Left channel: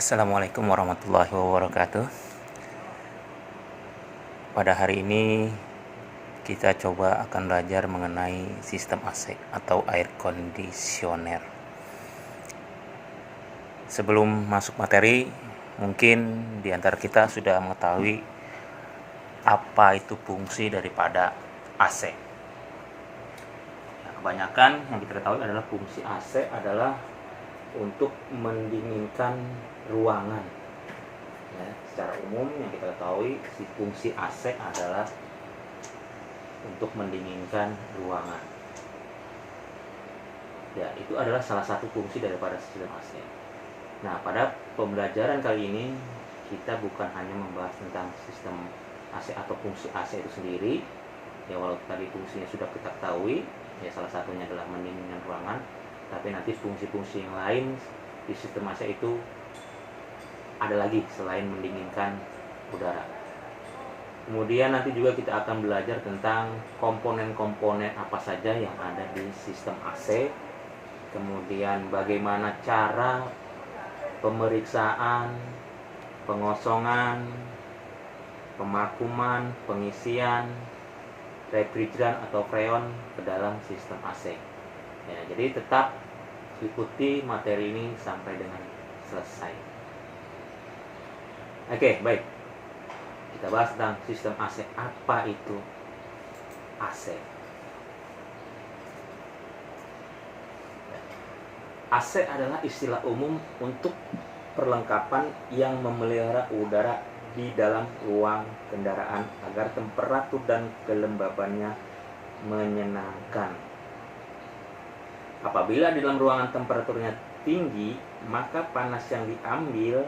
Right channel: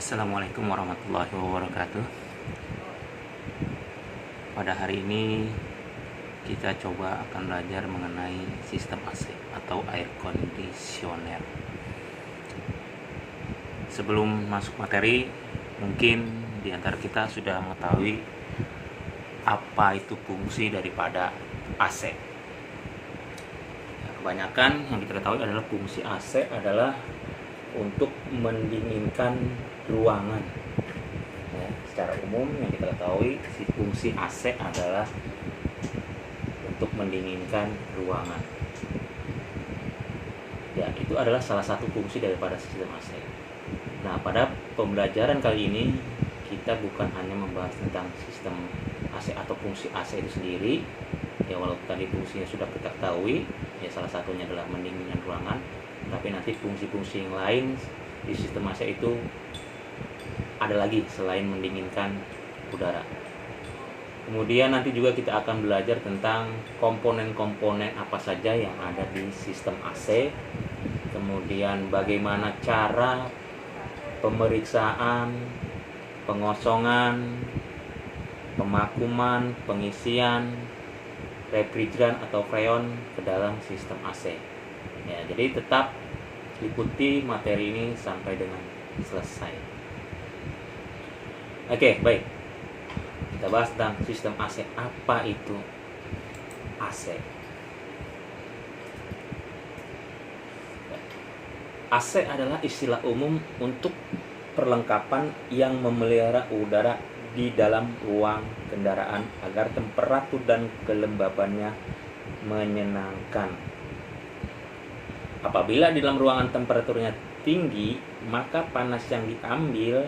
Assalamualaikum warahmatullahi wabarakatuh. Pada hari ini kita coba akan belajar mengenai sistem AC atau air conditioner. Sebelum masuk materi, mungkin di antara kita sudah mengetahui apa itu fungsi daripada AC. Kebanyakan yang kita ketahui adalah fungsi AC adalah untuk mendinginkan ruangan. Ya, secara umum yang kita ketahui si fungsi AC adalah untuk mendinginkan ruangan. Ya, itu adalah salah satu fungsi daripada sistem AC. Nah, pada pembelajaran kali ini kita bukan hanya membahas tentang sistem AC atau fungsi AC itu sendiri. Ya, walaupun tadi fungsinya sudah kita ketahui, ya salah satunya adalah mendinginkan ruangan, tapi nanti fungsi-fungsi yang lain di sistem AC itu ada lagi selain mendinginkan udara. Kemudian nanti juga kita akan belajar tentang komponen-komponen apa saja yang ada di sistem AC. Kemudian bagaimana cara pemeriksaan, pengosongan, pemakuman, pengisian refrigeran atau freon ke dalam sistem AC. Ya, jadi tetap ikuti materi ini sampai dengan selesai. Oke, baik. Kita bahas tentang sistem AC. Apa itu AC? AC adalah istilah umum untuk perlengkapan yang memelihara udara di dalam ruang kendaraan agar temperatur dan kelembabannya menyenangkan. Apabila di dalam ruangan temperaturnya tinggi, maka panas yang diambil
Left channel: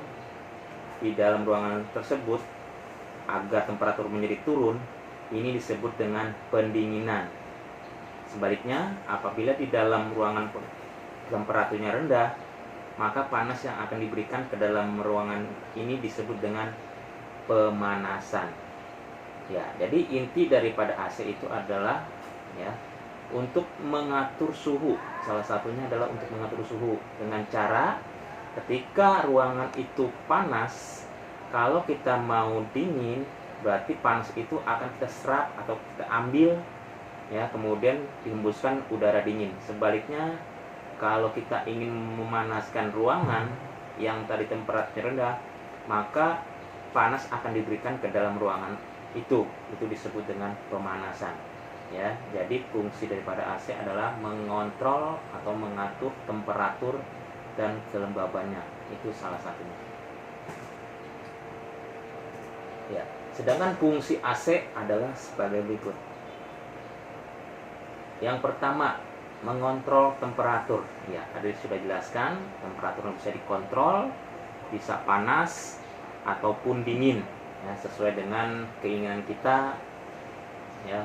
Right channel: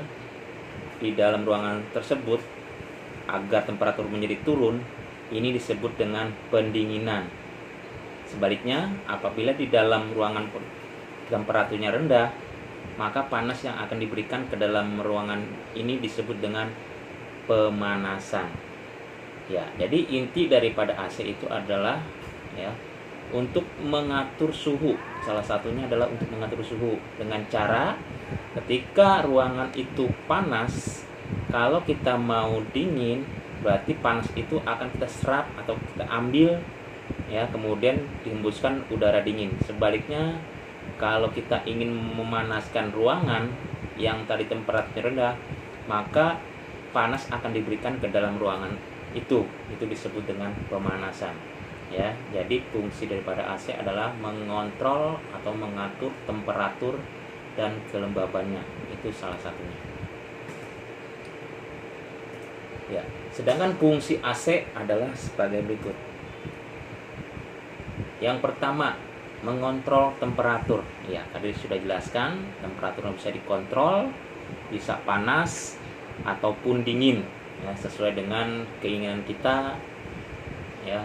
di dalam ruangan tersebut agar temperatur menjadi turun, ini disebut dengan pendinginan. Sebaliknya, apabila di dalam ruangan temperaturnya rendah, maka panas yang akan diberikan ke dalam ruangan ini disebut dengan pemanasan. Ya, jadi inti daripada AC itu adalah ya untuk mengatur suhu. Salah satunya adalah untuk mengatur suhu dengan cara ketika ruangan itu panas, kalau kita mau dingin, berarti panas itu akan kita serap atau kita ambil ya, kemudian dihembuskan udara dingin. Sebaliknya, kalau kita ingin memanaskan ruangan yang tadi temperaturnya rendah, maka panas akan diberikan ke dalam ruangan itu disebut dengan pemanasan. Ya, jadi fungsi daripada AC adalah mengontrol atau mengatur temperatur dan kelembabannya. Itu salah satunya. Ya, sedangkan fungsi AC adalah sebagai berikut. Yang pertama, mengontrol temperatur. Ya, tadi sudah jelaskan, temperaturnya bisa dikontrol, bisa panas ataupun dingin, ya, sesuai dengan keinginan kita, ya,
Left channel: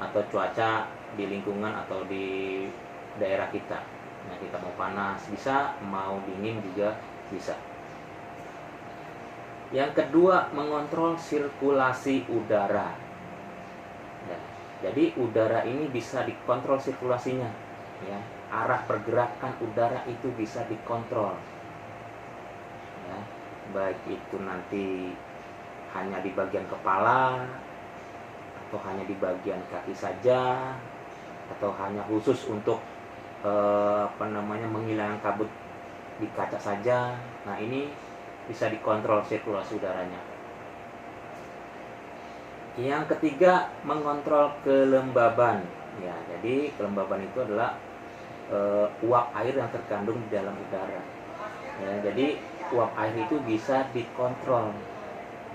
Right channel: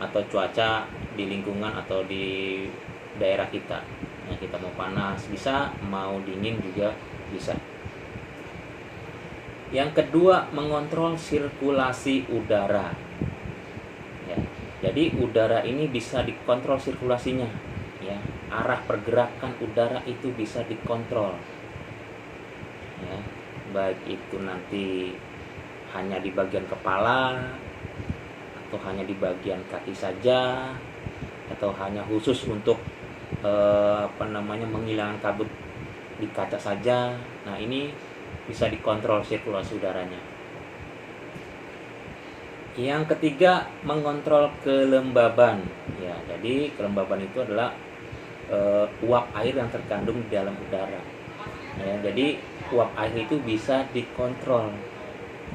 atau cuaca di lingkungan atau di daerah kita. Ya, kita mau panas bisa, mau dingin juga bisa. Yang kedua, mengontrol sirkulasi udara. Ya, jadi udara ini bisa dikontrol sirkulasinya. Ya, arah pergerakan udara itu bisa dikontrol. Ya, baik itu nanti hanya di bagian kepala, atau hanya di bagian kaki saja, atau hanya khusus untuk menghilangkan kabut di kaca saja. Nah, ini bisa dikontrol sirkulasi udaranya. Yang ketiga, mengontrol kelembaban. Ya, jadi kelembaban itu adalah uap air yang terkandung di dalam udara. Ya, jadi uap air itu bisa dikontrol,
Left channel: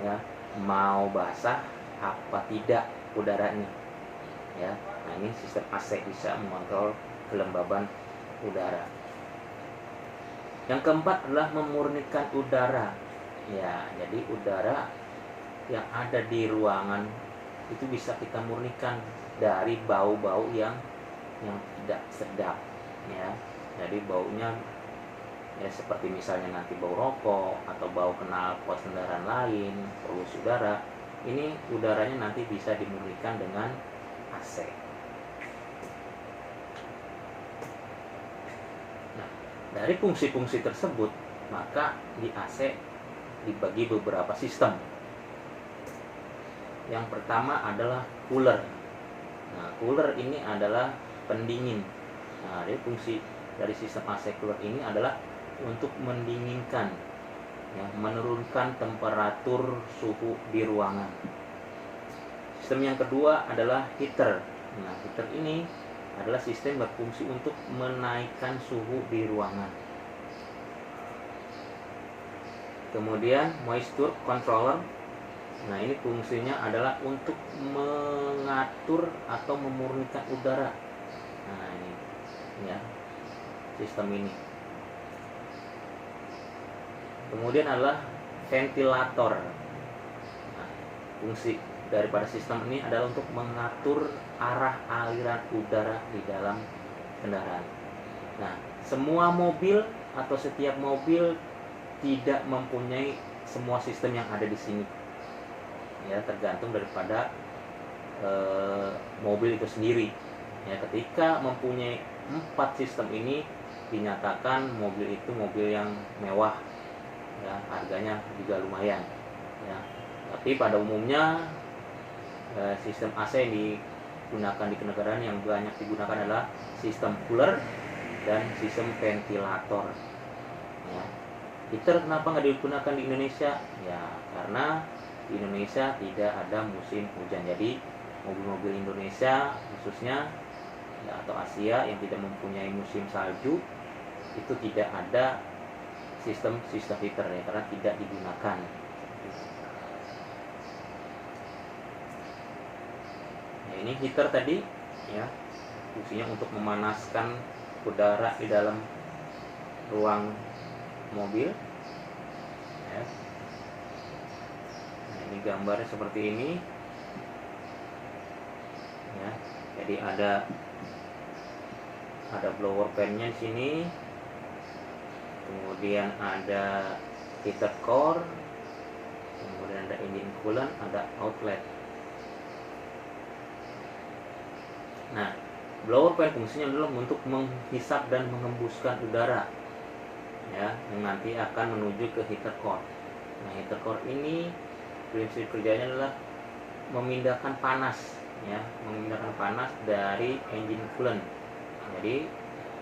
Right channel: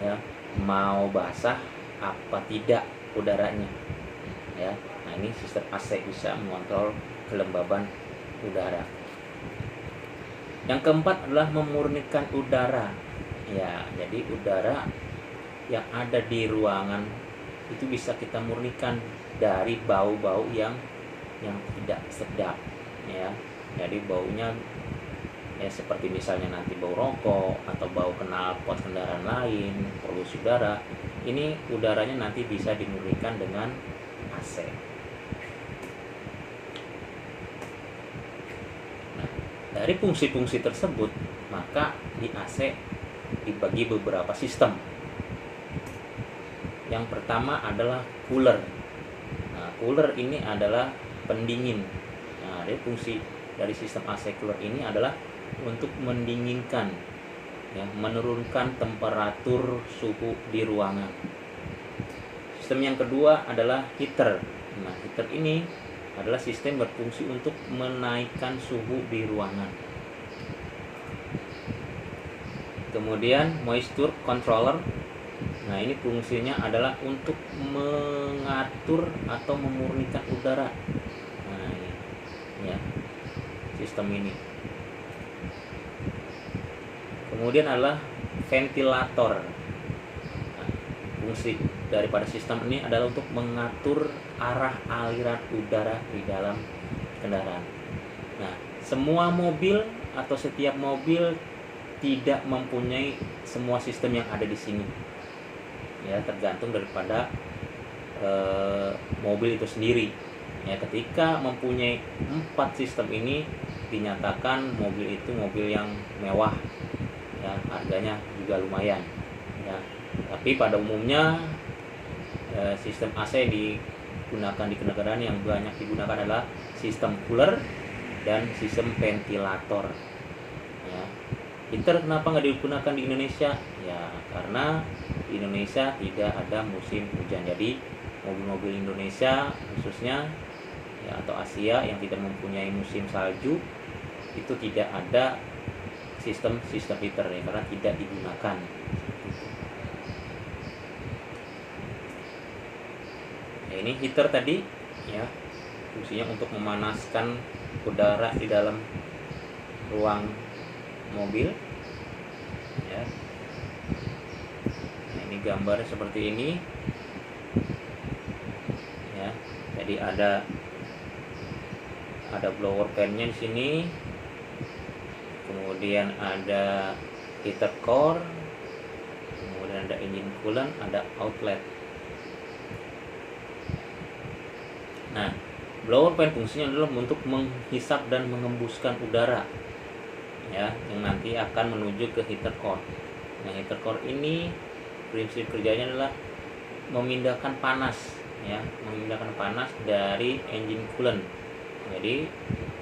ya, mau basah apa tidak udaranya. Ya, nah ini sistem AC bisa mengontrol kelembaban udara. Yang keempat adalah memurnikan udara. Ya, jadi udara yang ada di ruangan itu bisa kita murnikan dari bau-bau yang tidak sedap. Ya, jadi baunya ya seperti misalnya nanti bau rokok atau bau knalpot kendaraan lain, polusi udara. Ini udaranya nanti bisa dimurnikan dengan AC. Nah, Dari fungsi-fungsi tersebut, maka di AC dibagi beberapa sistem. Yang pertama adalah cooler. Nah, cooler ini adalah pendingin. Nah, jadi fungsi dari sistem AC cooler ini adalah untuk mendinginkan, ya, menurunkan temperatur suhu di ruangan. Sistem yang kedua adalah heater. Nah, heater ini adalah sistem berfungsi untuk menaikkan suhu di ruangan. Kemudian moisture controller. Nah, ini fungsinya adalah untuk mengatur atau memurnikan udara. Nah, ini ya, sistem ini. Kemudian adalah ventilator. Nah, fungsi daripada sistem ini adalah untuk mengatur arah aliran udara di dalam kendaraan. Nah, semua mobil atau setiap mobil tidak mempunyai semua sistem yang ada di sini. Ya, tergantung daripada mobil itu sendiri. Ya, ketika mempunyai 4 sistem ini dinyatakan mobil itu mobil yang mewah. Ya, harganya juga lumayan. Ya, tapi pada umumnya sistem AC digunakan di kendaraan yang banyak digunakan adalah sistem cooler dan sistem ventilator. Ya. Heater kenapa nggak digunakan di Indonesia? Ya, karena di Indonesia tidak ada musim hujan. Jadi mobil-mobil Indonesia khususnya, ya, atau Asia yang tidak mempunyai musim salju itu tidak ada sistem heater, ya, karena tidak digunakan. Ini heater tadi, ya, fungsinya untuk memanaskan udara di dalam ruang mobil. Ya. Nah, ini gambarnya seperti ini. Ya, jadi ada blower fan-nya di sini. Kemudian ada heater core. Kemudian ada engine coolant, ada outlet. Nah, blower fan fungsinya adalah untuk menghisap dan mengembuskan udara, ya, yang nanti akan menuju ke heater core. Nah, heater core ini prinsip kerjanya adalah memindahkan panas, ya, memindahkan panas dari engine coolant. Jadi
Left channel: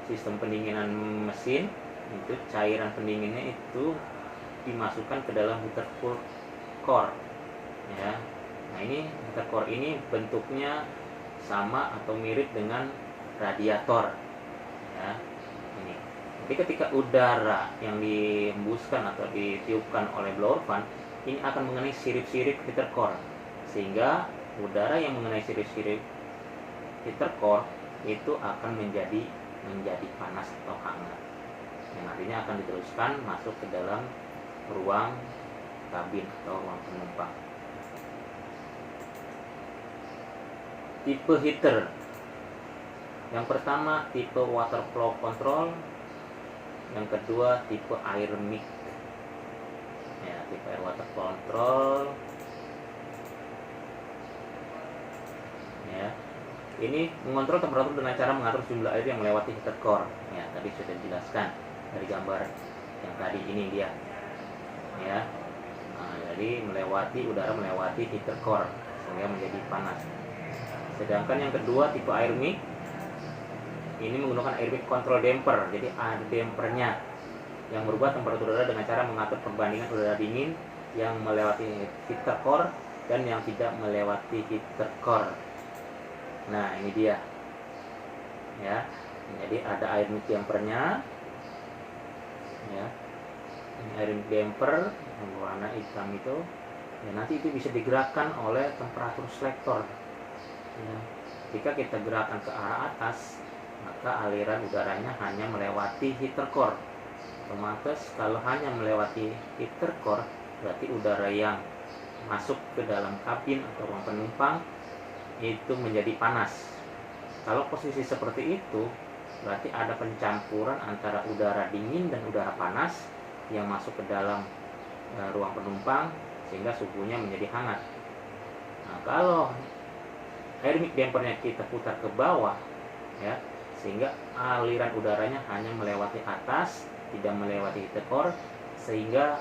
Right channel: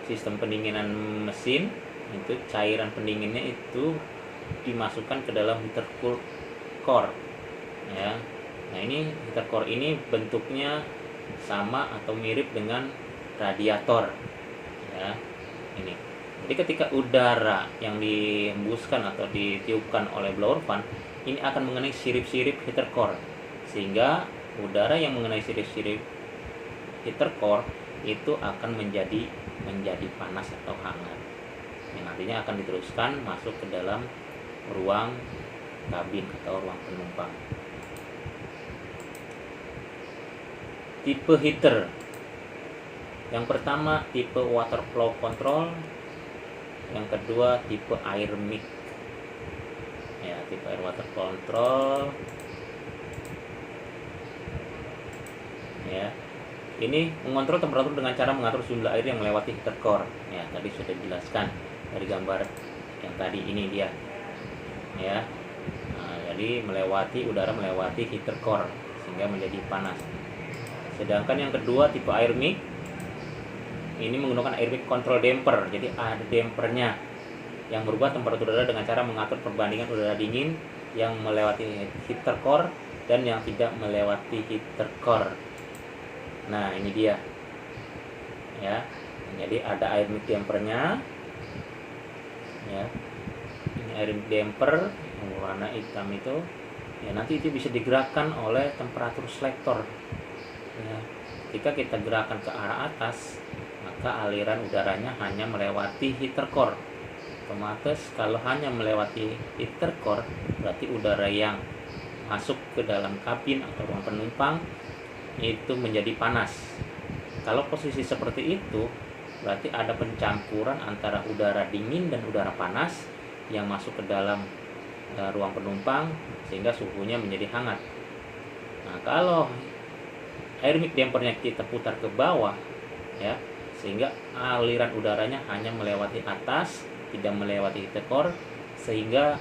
sistem pendinginan mesin itu cairan pendinginnya itu dimasukkan ke dalam heater core, ya. Nah, ini heater core ini bentuknya sama atau mirip dengan radiator, ya, ini. Jadi ketika udara yang dihembuskan atau ditiupkan oleh blower fan ini akan mengenai sirip-sirip heater core, sehingga udara yang mengenai sirip-sirip heater core itu akan menjadi panas atau hangat, yang artinya akan diteruskan masuk ke dalam ruang kabin atau ruang penumpang. Tipe heater. Yang pertama tipe water flow control. Yang kedua tipe air mix. Ya, tipe air water flow control. Ya. Ini mengontrol temperatur dengan cara mengatur jumlah air yang melewati heater core. Ya, tadi sudah dijelaskan dari gambar yang tadi ini dia. Ya. Nah, jadi udara melewati heater core sehingga menjadi panas. Sedangkan yang kedua tipe air mix ini menggunakan air mix control damper. Jadi ada dampernya yang berubah temperatur udara dengan cara mengatur perbandingan udara dingin yang melewati heater core dan yang tidak melewati heater core. Nah, ini dia. Ya. Jadi ada air mix dampernya. Ya. Ini air mix damper yang warna hitam itu. Ya, nanti itu bisa digerakkan oleh temperatur selector. Ya, jika kita gerakan ke arah atas, maka aliran udaranya hanya melewati heater core. Otomatis kalau hanya melewati heater core, berarti udara yang masuk ke dalam kabin atau ruang penumpang itu menjadi panas. Kalau posisi seperti itu, berarti ada pencampuran antara udara dingin dan udara panas yang masuk ke dalam ruang penumpang sehingga suhunya menjadi hangat. Nah, kalau air mix dampernya kita putar ke bawah, ya, sehingga aliran udaranya hanya melewati atas tidak melewati heat core, sehingga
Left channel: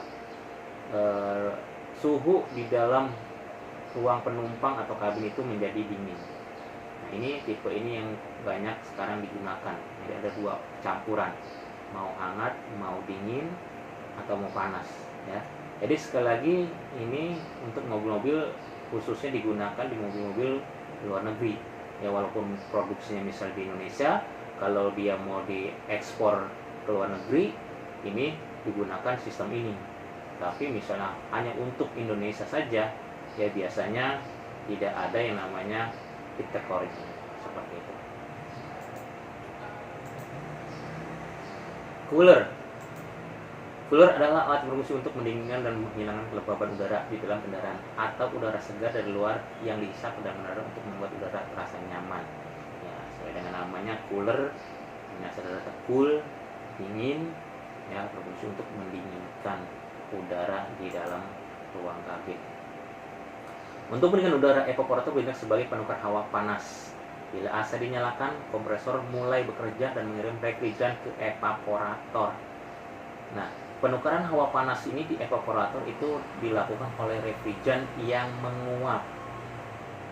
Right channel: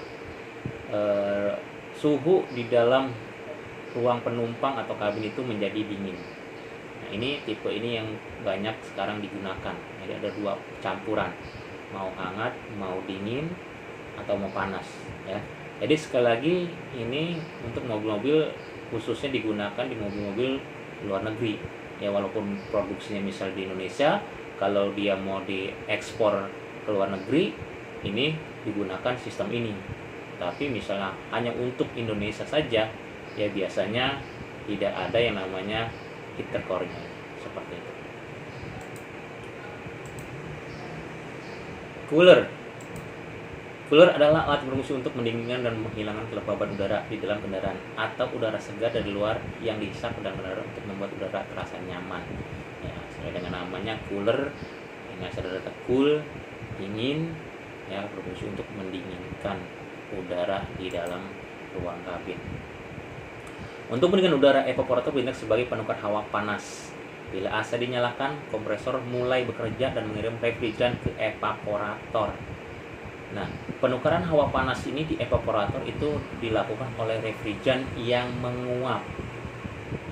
suhu di dalam ruang penumpang atau kabin itu menjadi dingin. Nah, ini tipe ini yang banyak sekarang digunakan. Jadi ada dua campuran, mau hangat, mau dingin, atau mau panas ya. Jadi sekali lagi ini untuk mobil-mobil khususnya digunakan di mobil-mobil luar negeri ya, walaupun produksinya misal di Indonesia, kalau dia mau diekspor ke luar negeri ini digunakan sistem ini. Tapi misalnya hanya untuk Indonesia saja ya, biasanya tidak ada yang namanya heater core seperti itu. Cooler adalah alat berfungsi untuk mendinginkan dan menghilangkan kelembaban udara di dalam kendaraan atau udara segar dari luar yang dihisap ke dalam kendaraan untuk membuat udara terasa nyaman. Ya, sesuai dengan namanya cooler, ini asal dari cool, dingin, ya, berfungsi untuk mendinginkan udara di dalam ruang kabin. Untuk pendinginan udara, evaporator bertindak sebagai penukar hawa panas. Bila AC dinyalakan, kompresor mulai bekerja dan mengirim refrigeran ke evaporator. Nah, penukaran hawa panas ini di evaporator itu dilakukan oleh refrigeran yang menguap.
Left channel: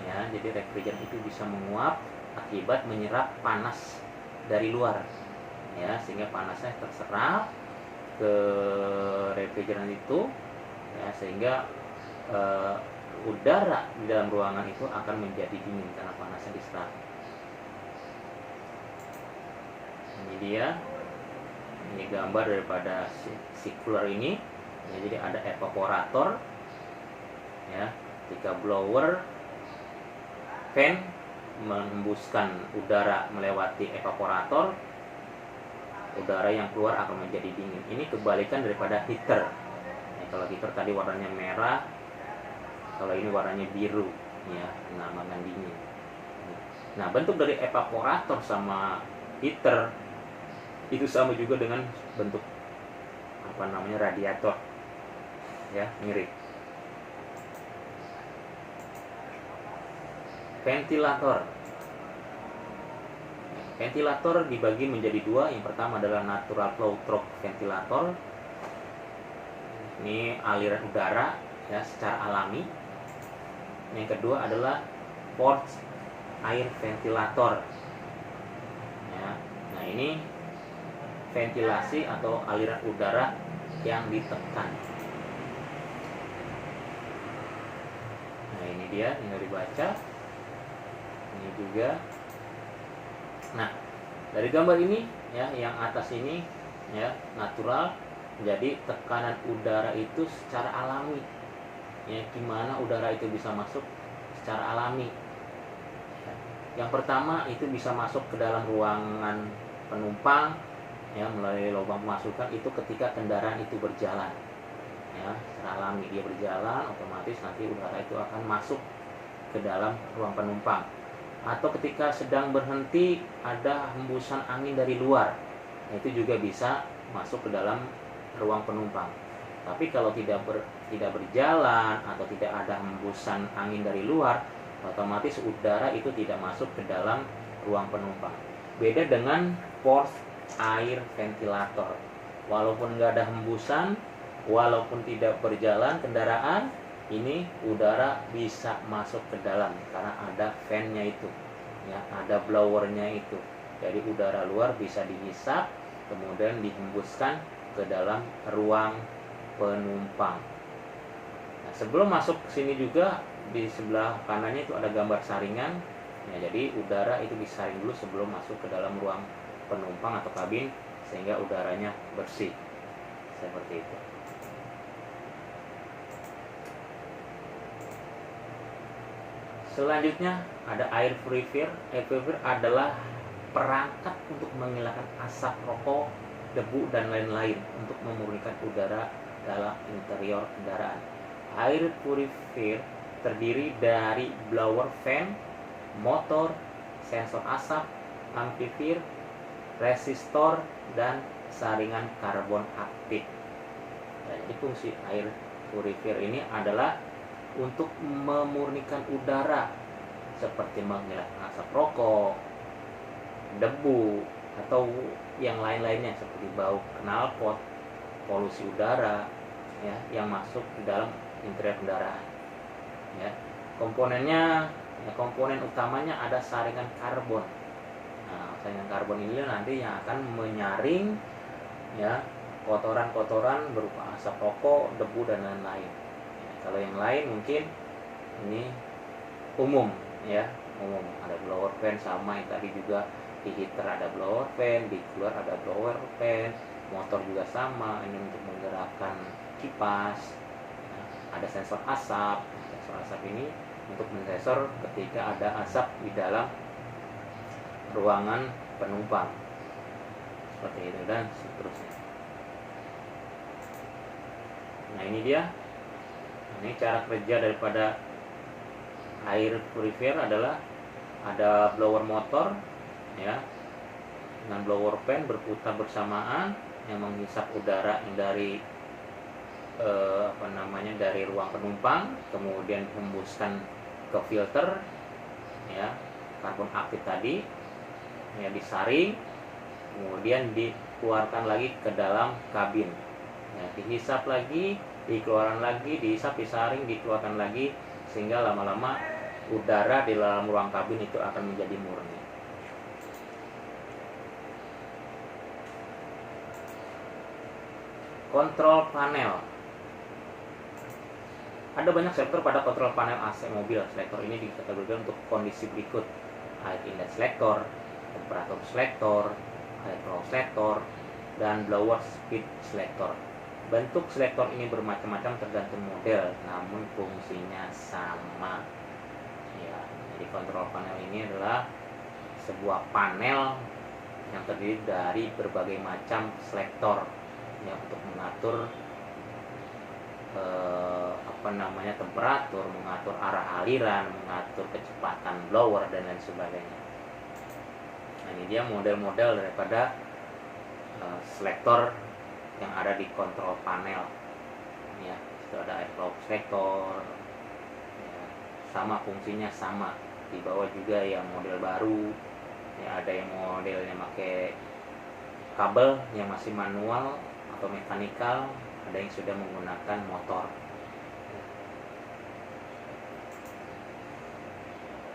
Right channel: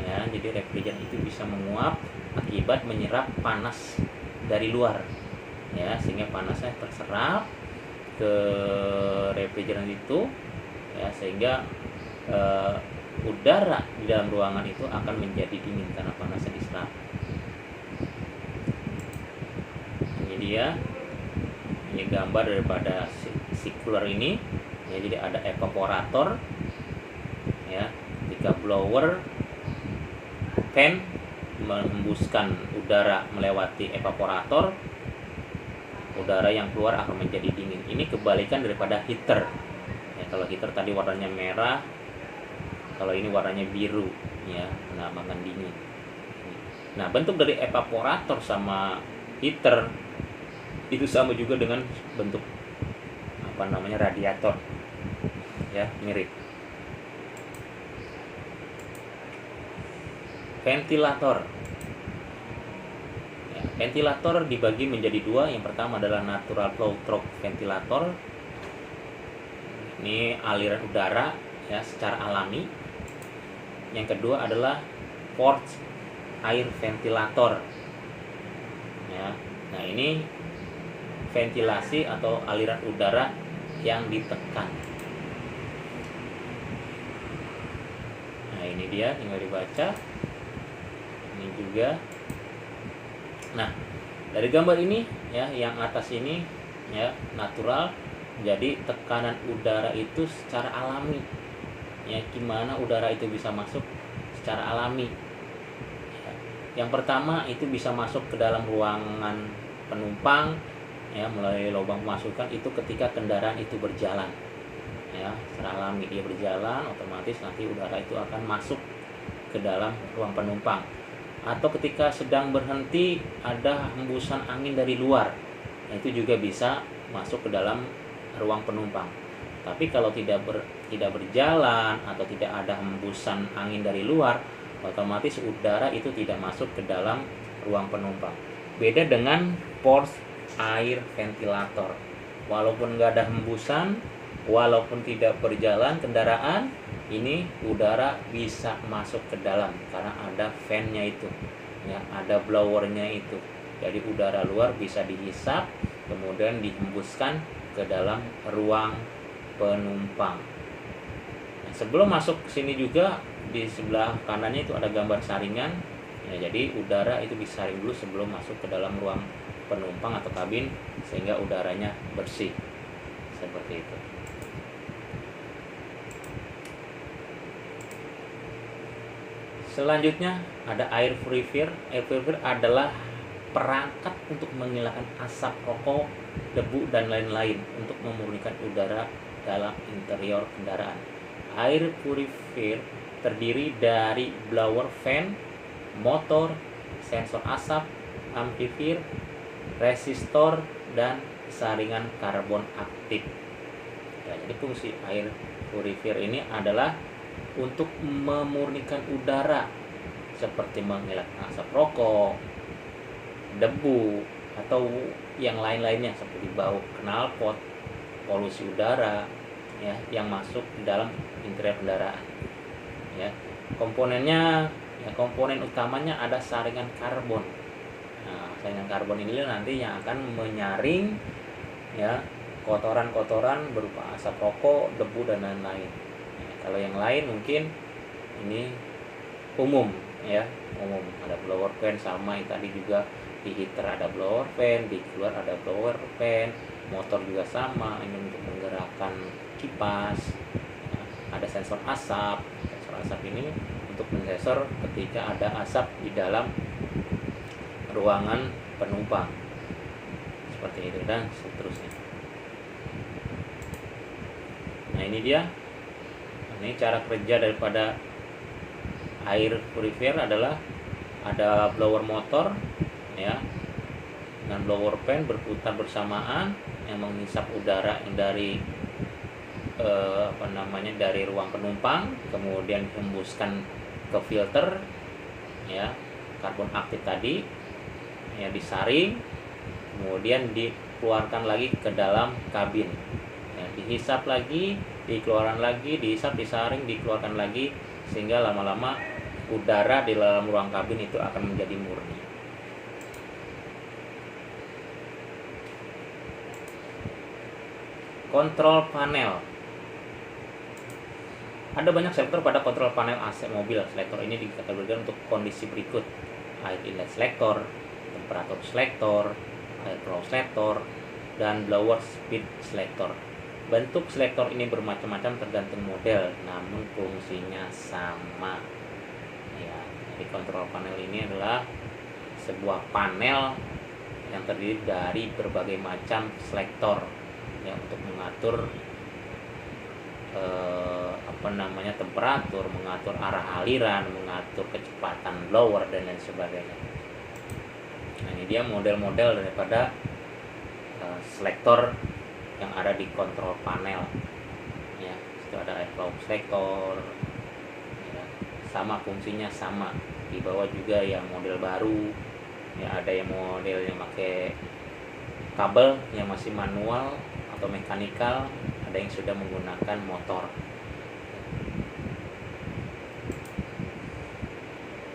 Ya, jadi refrigeran itu bisa menguap akibat menyerap panas dari luar. Ya, sehingga panasnya terserap ke refrigeran itu, ya, sehingga udara di dalam ruangan itu akan menjadi dingin karena panasnya diserap. Ini gambar daripada si cooler ini ya. Jadi ada evaporator ya, ketika blower fan menghembuskan udara melewati evaporator, udara yang keluar akan menjadi dingin. Ini kebalikan daripada heater ya. Kalau heater tadi warnanya merah, kalau ini warnanya biru ya, menamakan dingin. Nah, bentuk dari evaporator sama heater itu sama juga dengan bentuk radiator ya, mirip. Ventilator ya, ventilator dibagi menjadi dua. Yang pertama adalah natural flow through ventilator, ini aliran udara ya secara alami. Yang kedua adalah forced air ventilator ya. Nah, ini ventilasi atau aliran udara yang ditekan. Nah, ini dia tinggal dibaca. Ini juga. Nah, dari gambar ini ya, yang atas ini ya natural, jadi tekanan udara itu secara alami. Ya, gimana udara itu bisa masuk secara alami? Ya, yang pertama itu bisa masuk ke dalam ruangan penumpang ya, melalui lubang pemasukan itu ketika kendaraan itu berjalan ya, secara alami dia berjalan, otomatis nanti udara itu akan masuk ke dalam ruang penumpang. Atau ketika sedang berhenti ada hembusan angin dari luar, itu juga bisa masuk ke dalam ruang penumpang. Tapi kalau tidak berjalan atau tidak ada hembusan angin dari luar, otomatis udara itu tidak masuk ke dalam ruang penumpang. Beda dengan forced air ventilator, walaupun nggak ada hembusan, walaupun tidak berjalan kendaraan, ini udara bisa masuk ke dalam karena ada fan-nya itu ya, ada blowernya itu. Jadi udara luar bisa dihisap kemudian dihembuskan ke dalam ruang penumpang. Nah, sebelum masuk ke sini juga di sebelah kanannya itu ada gambar saringan ya, jadi udara itu disaring dulu sebelum masuk ke dalam ruang penumpang atau kabin sehingga udaranya bersih seperti itu. Selanjutnya ada air purifier. Air purifier adalah perangkat untuk menghilangkan asap rokok, debu dan lain-lain untuk memurnikan udara dalam interior kendaraan. Air purifier terdiri dari blower fan, motor, sensor asap, amplifier, resistor dan saringan karbon aktif. Nah, jadi fungsi air purifier ini adalah untuk memurnikan udara seperti menghilangkan asap rokok, debu, atau yang lain-lainnya seperti bau knalpot, polusi udara ya yang masuk ke dalam interior kendaraan. Ya. Komponennya komponen utamanya ada saringan karbon. Nah, saringan karbon ini nanti yang akan menyaring ya kotoran-kotoran berupa asap rokok, debu dan lain-lain. Ya, kalau yang lain mungkin ini umum ya, umum ada blower fan sama yang tadi juga di heater ada blower fan, di cooler ada blower fan, motor juga sama ini untuk menggerakkan kipas. Ya, ada sensor asap. Sensor asap ini untuk mensensor ketika ada asap di dalam ruangan penumpang seperti itu dan seterusnya. Nah ini dia, ini cara kerja daripada air purifier adalah ada blower motor ya dengan blower fan berputar bersamaan yang menghisap udara dari dari ruang penumpang, kemudian dihembuskan ke filter ya karbon aktif tadi ya disaring, kemudian dikeluarkan lagi ke dalam kabin ya, dihisap lagi, dikeluarkan lagi, dihisap, disaring, dikeluarkan lagi, sehingga lama-lama udara di dalam ruang kabin itu akan menjadi murni. Kontrol panel. Ada banyak selektor pada kontrol panel AC mobil. Selektor ini dikategorikan untuk kondisi berikut: air inlet selektor, temperatur selektor, air flow selektor, dan blower speed selektor. Bentuk selektor ini bermacam-macam tergantung model, namun fungsinya sama. Ya, jadi kontrol panel ini adalah sebuah panel yang terdiri dari berbagai macam selektor yang untuk mengatur temperatur, mengatur arah aliran, mengatur kecepatan blower dan lain sebagainya. Nah, ini dia model-model daripada selektor yang ada di kontrol panel. Ya, itu ada air flow selektor. Ya, sama fungsinya sama. Di bawah juga yang model baru. Ya, ada yang modelnya pakai kabel yang masih manual atau mekanikal, ada yang sudah menggunakan motor.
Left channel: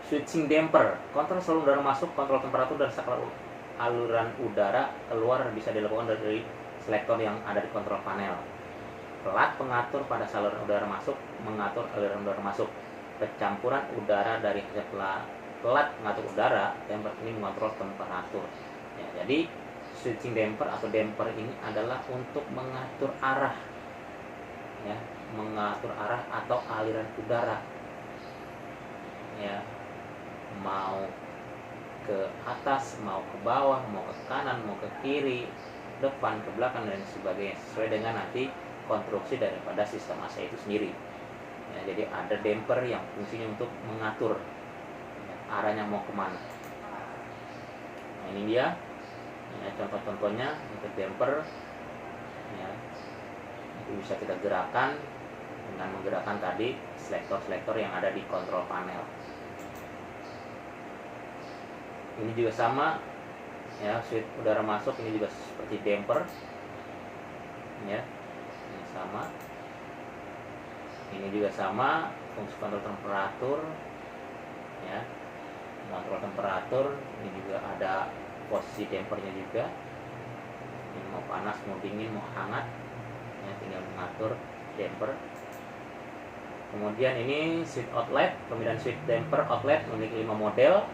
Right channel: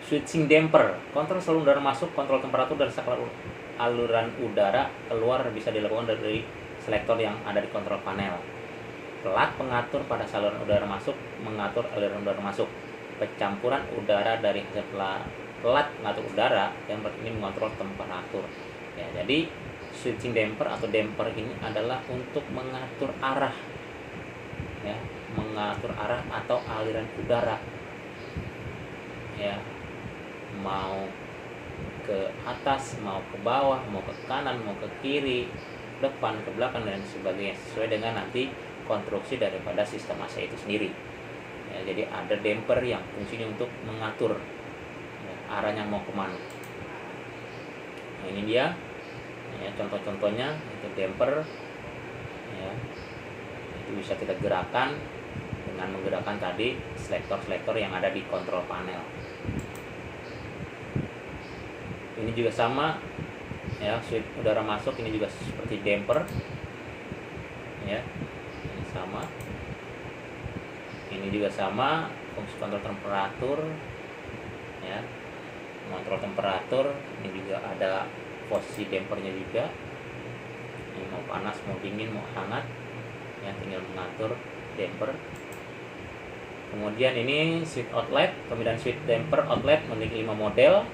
Switching damper, kontrol saluran udara masuk, kontrol temperatur dan saluran udara keluar bisa dilakukan dari selektor yang ada di kontrol panel. Pelat pengatur pada saluran udara masuk mengatur aliran udara masuk. Pencampuran udara dari pelat pengatur udara yang ini mengontrol temperatur. Ya, jadi switching damper atau damper ini adalah untuk mengatur arah, ya, mengatur arah atau aliran udara. Ya, mau ke atas, mau ke bawah, mau ke kanan, mau ke kiri, depan, ke belakang dan sebagainya sesuai dengan nanti konstruksi daripada sistem AC itu sendiri. Ya, jadi ada damper yang fungsinya untuk mengatur ya, arahnya mau kemana. Nah, ini dia ya, contoh-contohnya itu damper ya, itu bisa kita gerakkan dengan menggerakkan tadi selektor-selektor yang ada di kontrol panel. Ini juga sama ya, switch udara masuk ini juga seperti damper ya, ini sama, ini juga sama fungsi kontrol temperatur ya, mengontrol temperatur. Ini juga ada posisi dampernya juga, ini mau panas, mau dingin, mau hangat ya, tinggal mengatur damper. Kemudian ini switch outlet, kemudian switch damper outlet memiliki 5 model.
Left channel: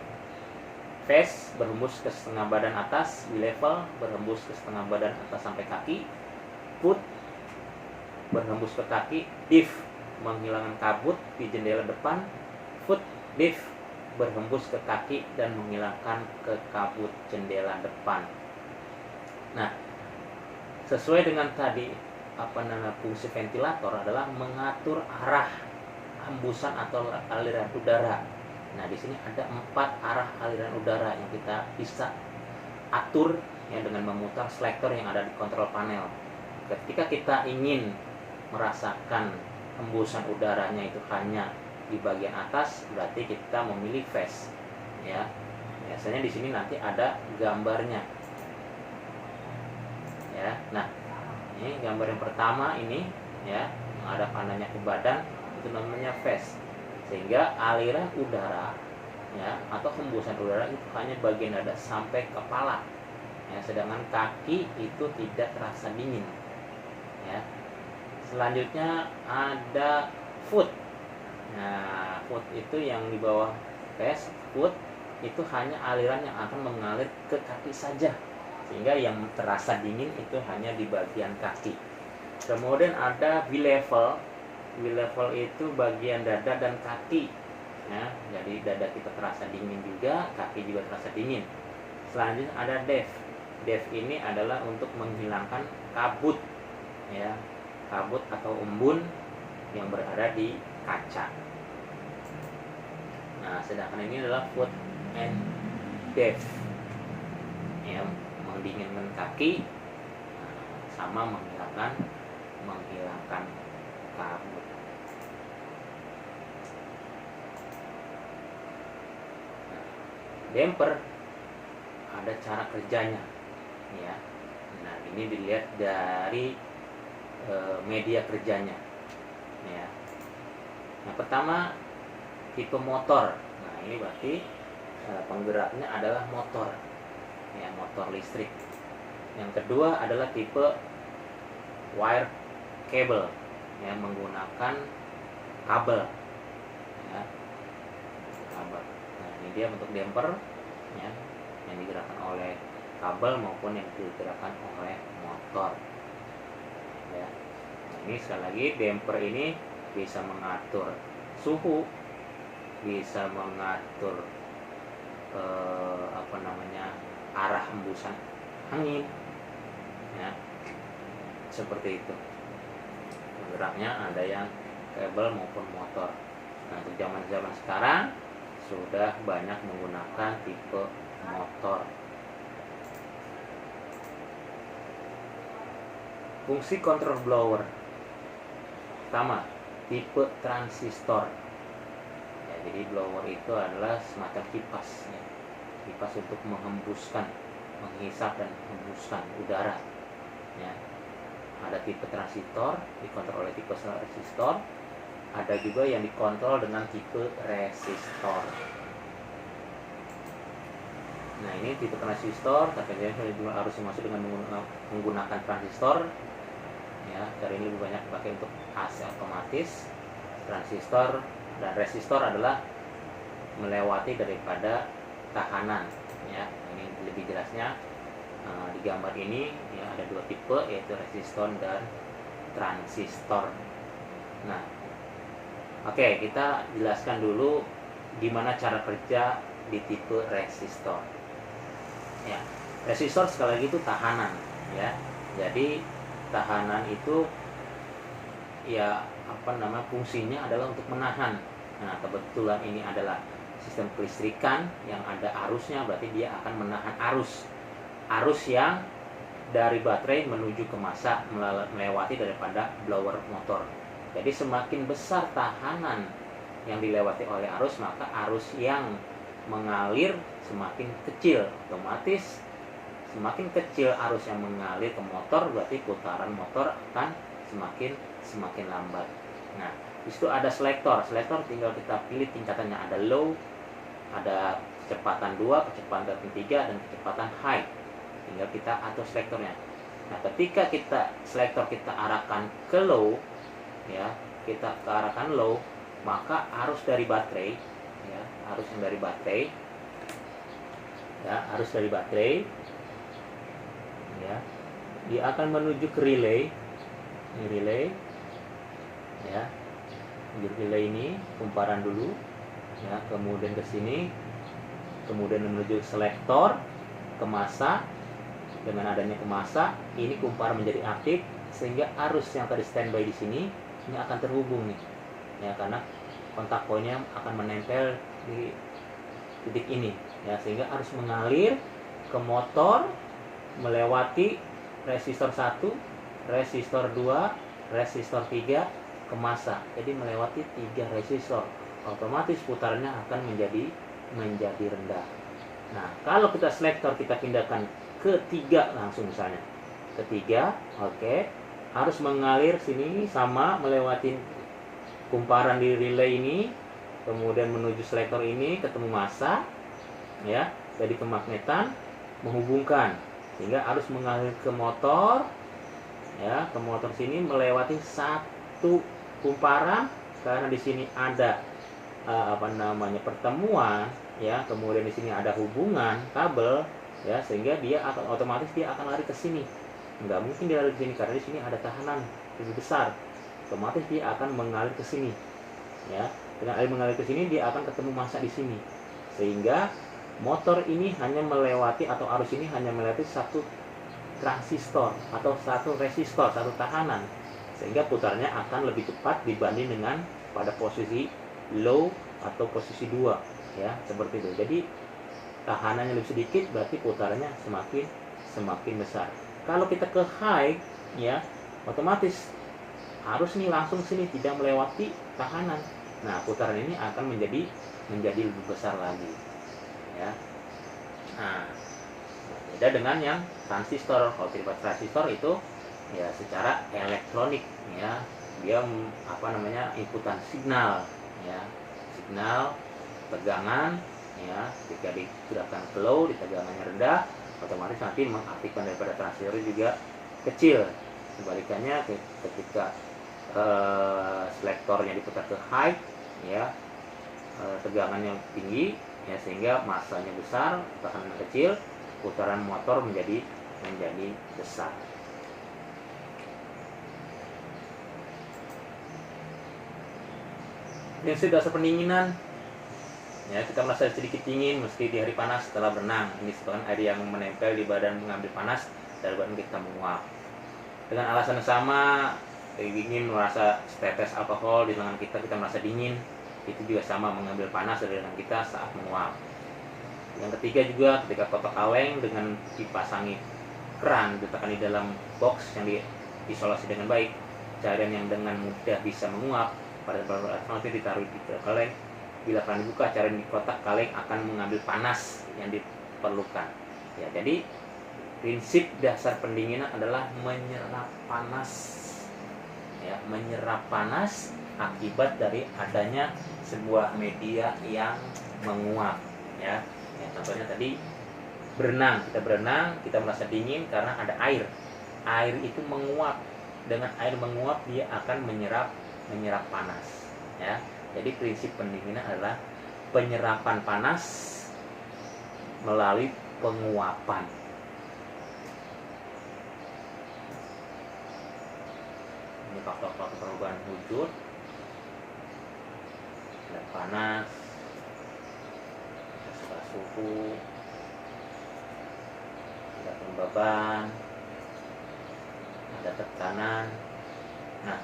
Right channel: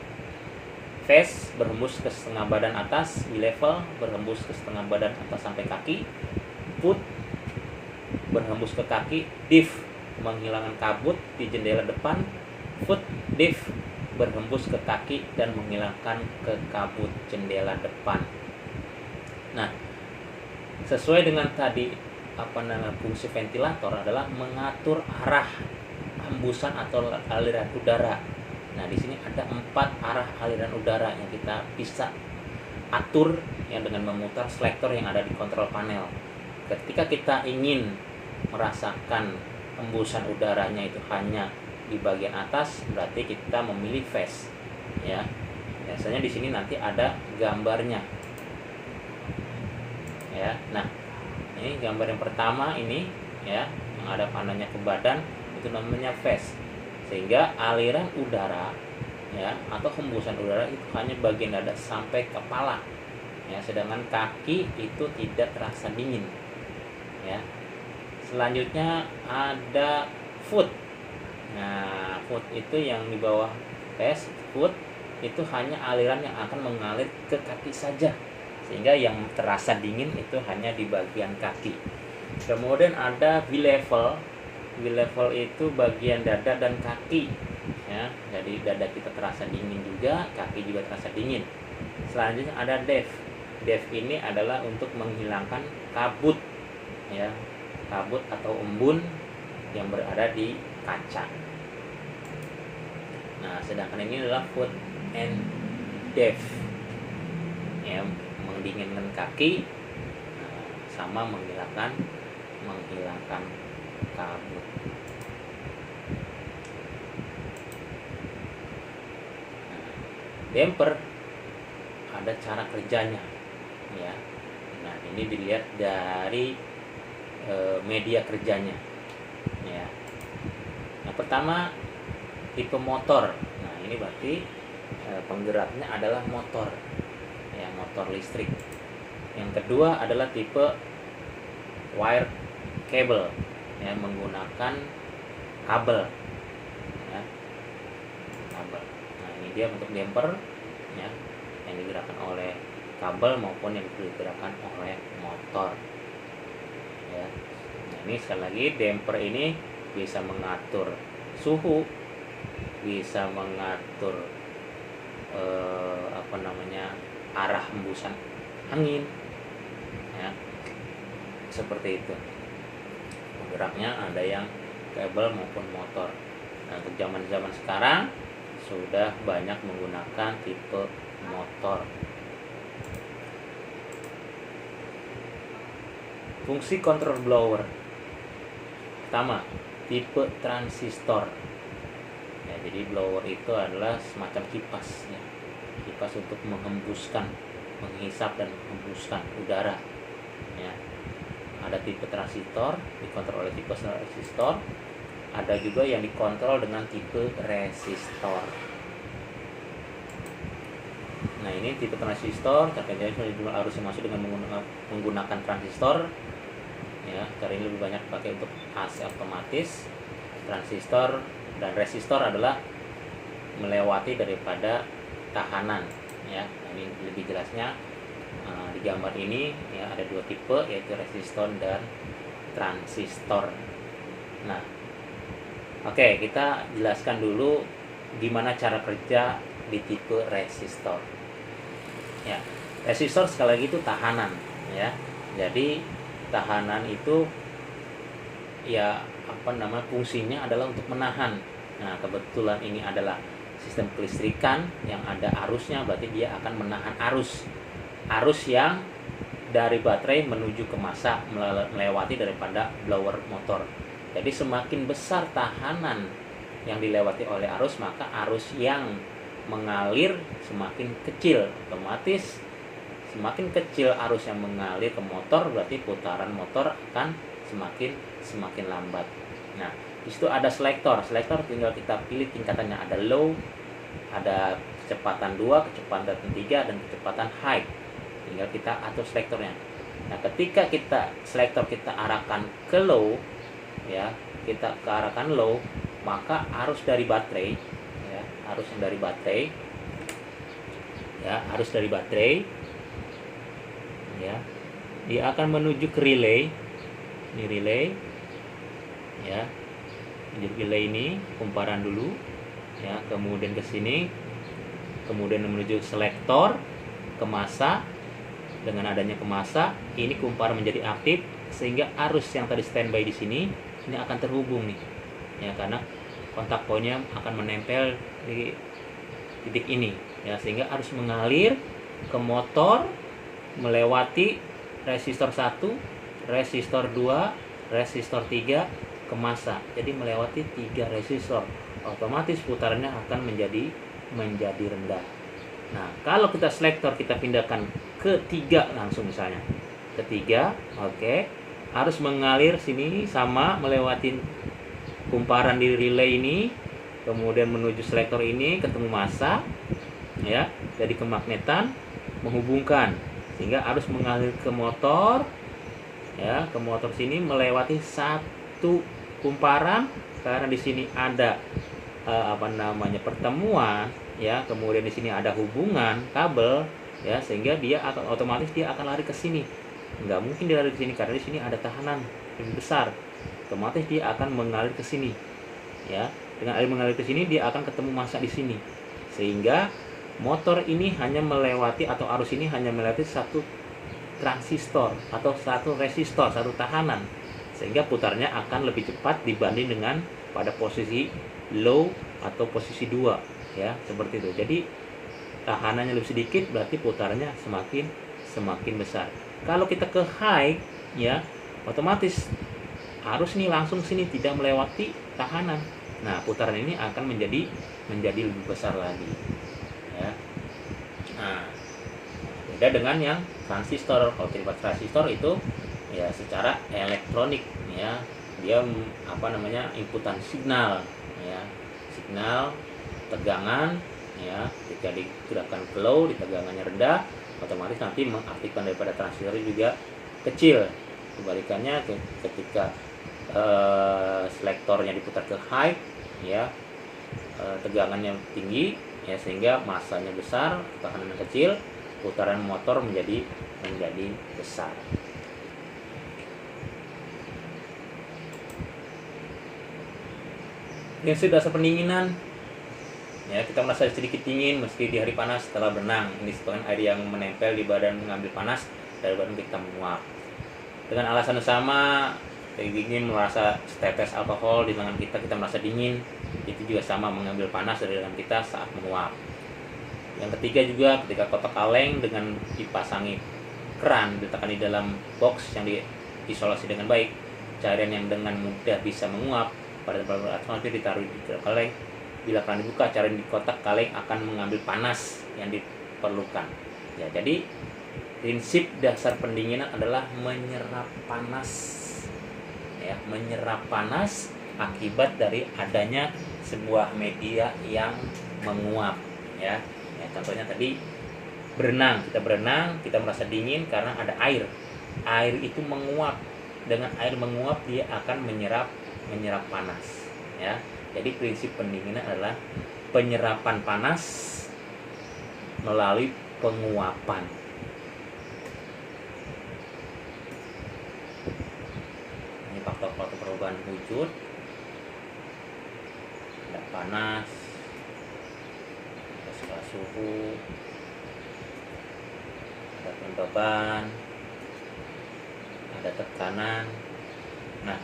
Phase berhembus ke setengah badan atas, B-level berhembus ke setengah badan atas sampai kaki, put berhembus ke kaki, diff menghilangkan kabut di jendela depan, foot diff berhembus ke kaki dan menghilangkan ke kabut jendela depan. Nah, sesuai dengan tadi fungsi ventilator adalah mengatur arah hembusan atau aliran udara. Nah, di sini ada 4 arah aliran udara yang kita bisa atur yang dengan memutar selektor yang ada di kontrol panel. Ketika kita ingin merasakan hembusan udaranya itu hanya di bagian atas, berarti kita memilih phase. Ya, biasanya di sini nanti ada gambarnya ya. Nah, ini gambar yang pertama ini ya, yang ada panahnya ke badan, itu namanya vest. Sehingga aliran udara ya atau hembusan udara itu hanya bagian dada sampai kepala ya, sedangkan kaki itu tidak terasa dingin ya. Selanjutnya ada foot. Nah, foot itu yang di bawah vest. Foot itu hanya aliran yang akan mengalir ke kaki saja, sehingga yang terasa dingin itu hanya di bagian kaki. Kemudian ada V-level. V-level itu bagian dada dan kaki ya, jadi dada kita terasa dingin juga, kaki juga terasa dingin. Selanjutnya ada depth. Depth ini adalah untuk menghilangkan kabut ya, kabut atau embun yang berada di kaca. Nah, sedangkan ini adalah foot and depth ya, mendinginkan kaki sama menghilangkan kabut. Nah, damper ada cara kerjanya ya. Nah, ini dilihat dari media kerjanya ya. Yang pertama tipe motor. Nah, ini berarti penggeraknya adalah motor ya, motor listrik. Yang kedua adalah tipe wire cable ya, menggunakan kabel ya, kabel. Nah, ini dia untuk damper ya, yang digerakkan oleh kabel maupun yang digerakkan oleh motor ya. Nah, ini sekali lagi damper ini bisa mengatur suhu, bisa mengatur arah hembusan angin ya, seperti itu. Penggeraknya ada yang kabel maupun motor. Nah, untuk zaman sekarang sudah banyak menggunakan tipe motor. Fungsi control blower. Pertama, tipe transistor. Ya, jadi blower itu adalah semacam kipas ya. Kipas untuk menghembuskan, menghisap dan menghembuskan udara ya. Ada tipe transistor, dikontrol oleh tipe transistor. Ada juga yang dikontrol dengan tipe resistor. Nah, ini tipe transistor, contohnya jumlah arus yang masuk dengan menggunakan transistor ya. Cara ini lebih banyak pakai untuk AC otomatis. Transistor dan resistor adalah melewati daripada tahanan ya. Ini lebih jelasnya di gambar ini ya, ada dua tipe, yaitu resistor dan transistor. Nah, oke, kita jelaskan dulu gimana cara kerja di tipe resistor ya. Resistor sekali lagi itu tahanan ya. Jadi tahanan itu ya fungsinya adalah untuk menahan. Nah, kebetulan ini adalah sistem kelistrikan yang ada arusnya, berarti dia akan menahan arus yang dari baterai menuju ke massa melewati daripada blower motor. Jadi semakin besar tahanan yang dilewati oleh arus, maka arus yang mengalir semakin kecil. Otomatis semakin kecil arus yang mengalir ke motor, berarti putaran motor akan semakin lambat. Nah, di situ ada selektor. Selektor tinggal kita pilih tingkatannya, ada low, ada kecepatan 2, kecepatan 3, dan kecepatan high. Tinggal kita atur selektornya. Nah, ketika selektor kita arahkan ke low ya, maka arus dari baterai ya, arus dari baterai ya, dia akan menuju ke relay. Ini relay ya. Relay ini kumparan dulu ya, kemudian ke sini, kemudian menuju selektor ke massa. Dengan adanya ke massa, ini kumparan menjadi aktif sehingga arus yang tadi standby di sini ini akan terhubung nih ya, karena kontak poinnya akan menempel di titik ini ya, sehingga arus mengalir ke motor melewati resistor 1, resistor 2, resistor 3 ke massa. Jadi melewati 3 resistor, otomatis putarannya akan menjadi rendah. Nah, kalau kita selektor kita pindahkan ke 3 langsung misalnya, ketiga, oke, harus mengalir sini sama melewati kumparan di relay ini, kemudian menuju selektor ini ketemu massa, ya, jadi kemagnetan menghubungkan sehingga harus mengalir ke motor, ya, ke motor sini melewati satu kumparan karena di sini ada pertemuan, ya, kemudian di sini ada hubungan kabel, ya, sehingga dia akan otomatis lari ke sini. Nggak mungkin dia lari ke sini karena di sini ada tahanan lebih besar. Otomatis dia akan mengalir ke sini, ya. Dengan air mengalir ke sini dia akan ketemu massa di sini, sehingga motor ini hanya melewati atau arus ini hanya melewati satu transistor atau satu resistor, satu tahanan, sehingga putarnya akan lebih cepat dibanding dengan pada posisi low atau posisi 2, ya, seperti itu. Jadi tahanannya lebih sedikit berarti putarnya semakin besar. Kalau kita ke high, ya, otomatis arus ini langsung sini tidak melewati tahanan. Nah, putaran ini akan menjadi lebih besar lagi, ya. Nah, beda dengan yang transistor. Kalau terlibat transistor itu ya secara elektronik, ya, dia inputan signal, ya, signal tegangan, ya, ketika digerakkan ke low, di tegangannya rendah, otomatis nanti mengaktifkan daripada transistor juga kecil. Kebalikannya ketika selektornya diputar ke high, ya, tegangannya tinggi, ya, sehingga massanya besar, tekanan kecil, putaran motor menjadi besar. Prinsip dasar pendinginan, ya, kita merasa sedikit dingin meski di hari panas setelah berenang. Ini disebabkan air yang menempel di badan mengambil panas dari badan kita menguap. Dengan alasan yang sama, dingin merasa setetes alkohol di tangan kita merasa dingin, itu juga sama mengambil panas dari dalam kita saat menguap. Yang ketiga juga ketika kotak kaleng dengan dipasangi keran diletakkan di dalam box yang diisolasi dengan baik, cairan yang dengan mudah bisa menguap pada saluran atmosfer ditaruh di kaleng. Bila keran dibuka, cairan di kotak kaleng akan mengambil panas yang diperlukan. Ya, jadi prinsip dasar pendinginan adalah menyerap panas, ya, menyerap panas akibat dari adanya sebuah media yang menguap, ya. Ya, contohnya tadi berenang, kita merasa dingin karena ada air itu menguap. Dengan air menguap dia akan menyerap panas, ya. Jadi prinsip pendinginan adalah penyerapan panas melalui penguapan. Ini faktor-faktor perubahan wujud. Ada panas, ada skala suhu, ada kelembaban, ada tekanan. Nah,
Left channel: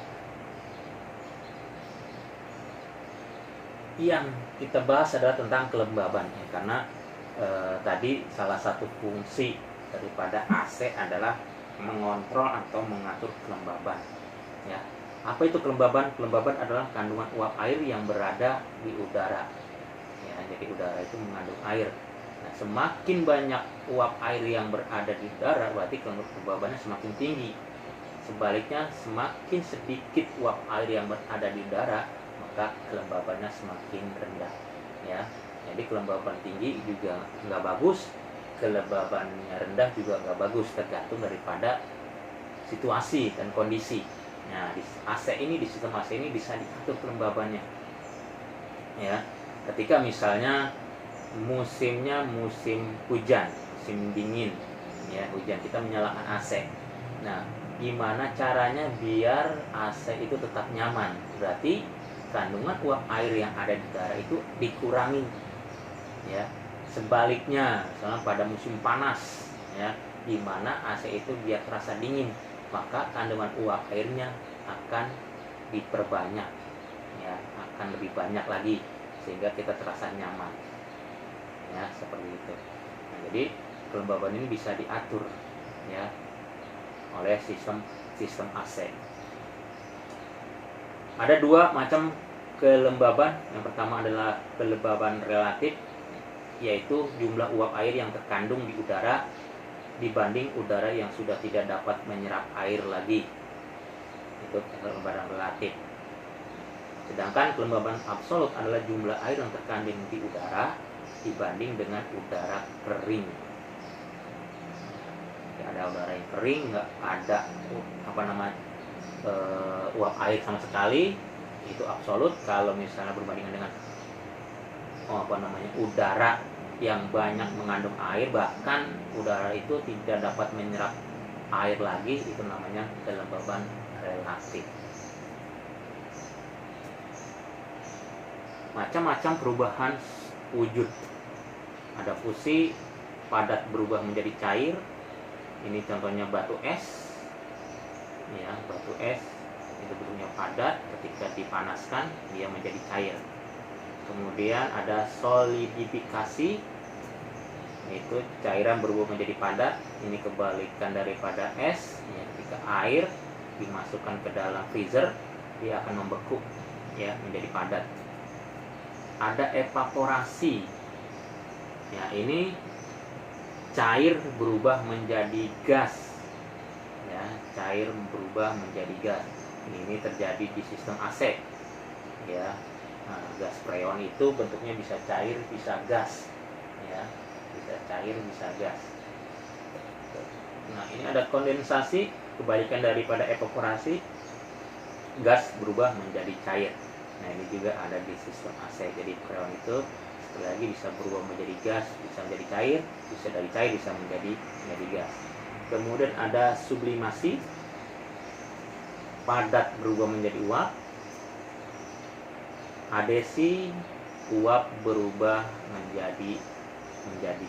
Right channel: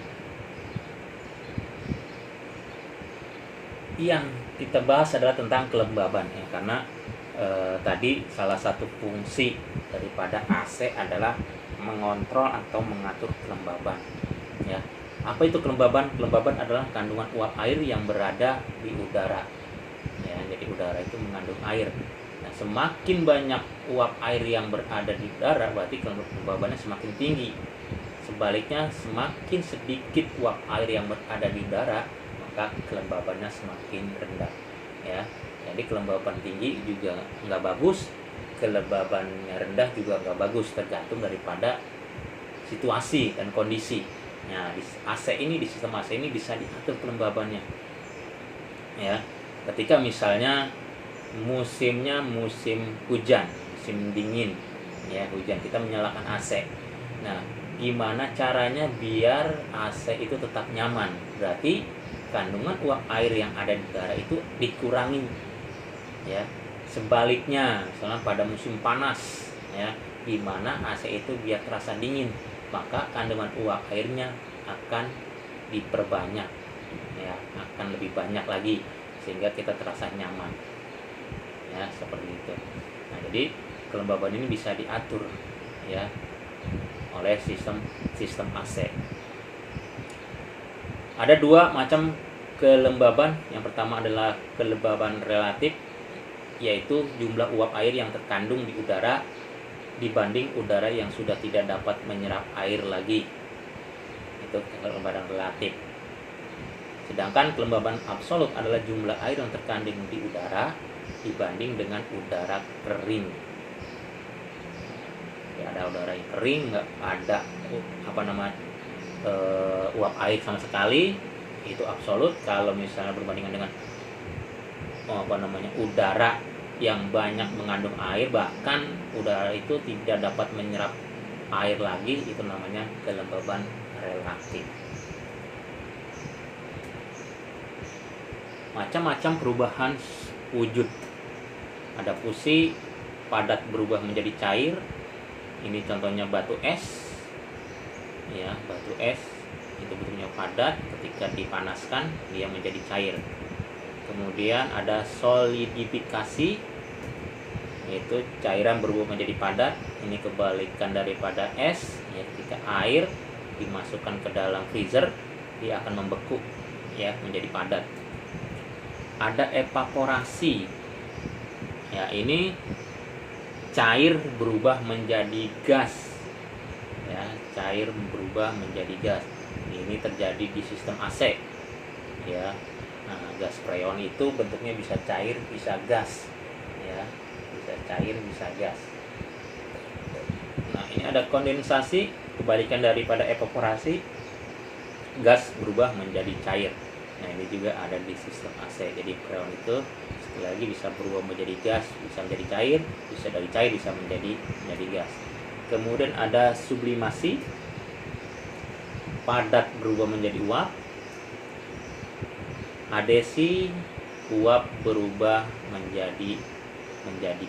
yang kita bahas adalah tentang kelembaban, ya, karena tadi salah satu fungsi daripada AC adalah mengontrol atau mengatur kelembaban, ya. Apa itu kelembaban? Kelembaban adalah kandungan uap air yang berada di udara, ya. Jadi udara itu mengandung air. Nah, semakin banyak uap air yang berada di udara berarti kelembabannya semakin tinggi. Sebaliknya, semakin sedikit uap air yang berada di udara maka kelembabannya semakin rendah, ya. Jadi kelembaban tinggi juga nggak bagus, kelembabannya rendah juga nggak bagus, tergantung daripada situasi dan kondisi. Nah, di sistem AC ini bisa diatur kelembabannya, ya. Ketika misalnya musimnya musim hujan, musim dingin, ya, hujan, kita menyalakan AC. Nah, gimana caranya biar AC itu tetap nyaman? Berarti kandungan uap air yang ada di udara itu dikurangi, ya. Sebaliknya, misalnya pada musim panas, ya, gimana AC itu biar terasa dingin, maka kandungan uap airnya akan diperbanyak, ya, akan lebih banyak lagi sehingga kita terasa nyaman, ya, seperti itu. Nah, jadi kelembaban ini bisa diatur, ya, oleh sistem AC. Ada dua macam kelembaban. Yang pertama adalah kelembaban relatif, yaitu jumlah uap air yang terkandung di udara dibanding udara yang sudah tidak dapat menyerap air lagi. Itu kelembaban relatif. Sedangkan kelembaban absolut adalah jumlah air yang terkandung di udara dibanding dengan udara kering. Ya, ada udara yang kering, nggak ada uap air sama sekali, itu absolut. Kalau misalnya berbandingan dengan udara yang banyak mengandung air, bahkan udara itu tidak dapat menyerap air lagi, itu namanya kelembaban relatif. Macam-macam perubahan wujud. Ada fusi, padat berubah menjadi cair. Ini contohnya batu es. Ya, batu es itu bentuknya padat, ketika dipanaskan dia menjadi cair. Kemudian ada solidifikasi, yaitu cairan berubah menjadi padat. Ini kebalikan daripada es. Ya, ketika air dimasukkan ke dalam freezer, dia akan membeku, ya, menjadi padat. Ada evaporasi. Ya, ini cair berubah menjadi gas. Ya, cair berubah menjadi gas. Ini terjadi di sistem AC. Ya. Nah, gas freon itu bentuknya bisa cair, bisa gas. Ya, bisa cair, bisa gas. Nah, ini ada kondensasi, kebalikan daripada evaporasi. Gas berubah menjadi cair. Nah, ini juga ada di sistem AC. Jadi freon itu sekali lagi bisa berubah menjadi gas, bisa menjadi cair, bisa dari cair bisa menjadi gas. Kemudian ada sublimasi, padat berubah menjadi uap. Adesi, uap berubah menjadi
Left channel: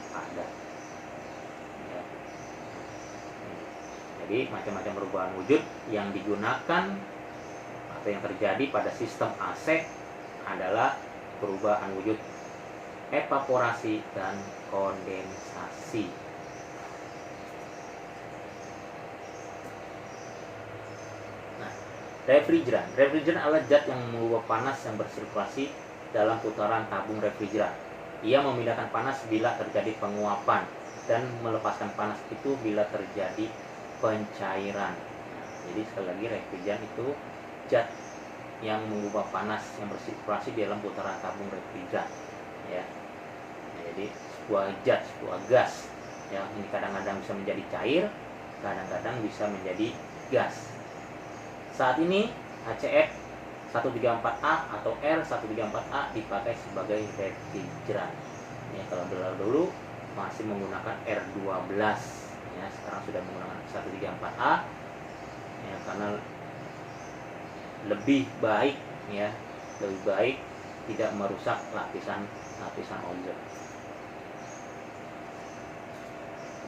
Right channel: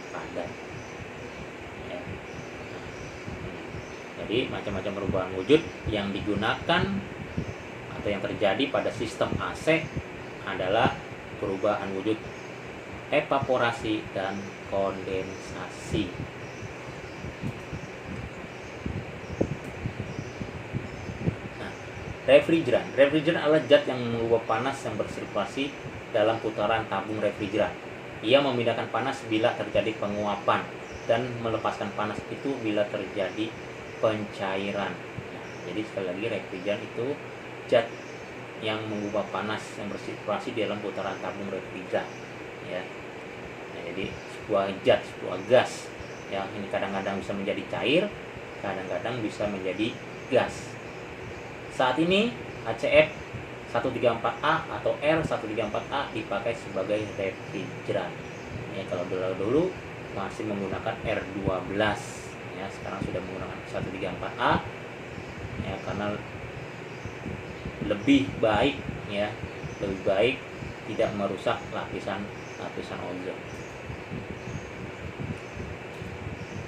padat. Ya. Jadi macam-macam perubahan wujud yang digunakan atau yang terjadi pada sistem AC adalah perubahan wujud evaporasi dan kondensasi. Nah, refrigeran adalah zat yang mengubah panas yang bersirkulasi dalam putaran tabung refrigeran. Ia memindahkan panas bila terjadi penguapan dan melepaskan panas itu bila terjadi pencairan. Jadi sekali lagi, refrigeran itu zat yang mengubah panas yang bersirkulasi dalam putaran tabung refrigeran. Ya. Nah, jadi sebuah gas yang ini kadang-kadang bisa menjadi cair, kadang-kadang bisa menjadi gas. Saat ini HCF 134A atau R134A dipakai sebagai refrigeran. Ya, kalau dulu masih menggunakan R12, ya, sekarang sudah menggunakan 134A, ya, karena lebih baik tidak merusak lapisan ozon.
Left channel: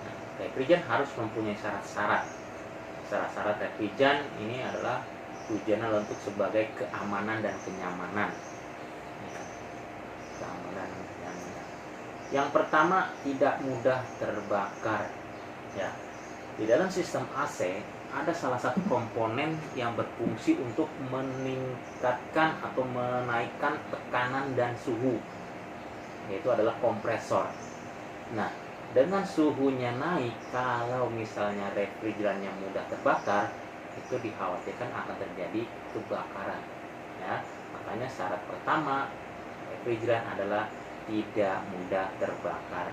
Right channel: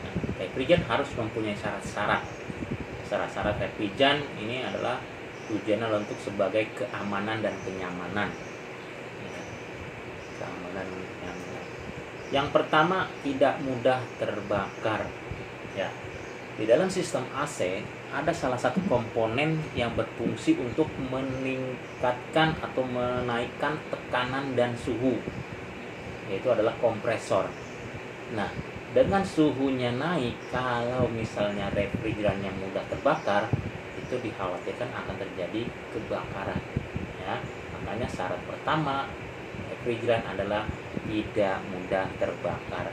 Nah, refrigeran harus mempunyai syarat-syarat. Syarat-syarat refrigeran ini adalah tujuannya untuk sebagai keamanan dan kenyamanan. Ya, keamanan dan kenyamanan. Yang pertama, tidak mudah terbakar. Ya, di dalam sistem AC ada salah satu komponen yang berfungsi untuk meningkatkan atau menaikkan tekanan dan suhu, yaitu adalah kompresor. Nah, dengan suhunya naik, kalau misalnya refrigeran yang mudah terbakar, itu dikhawatirkan akan terjadi kebakaran. Ya, makanya syarat pertama refrigeran adalah tidak mudah terbakar.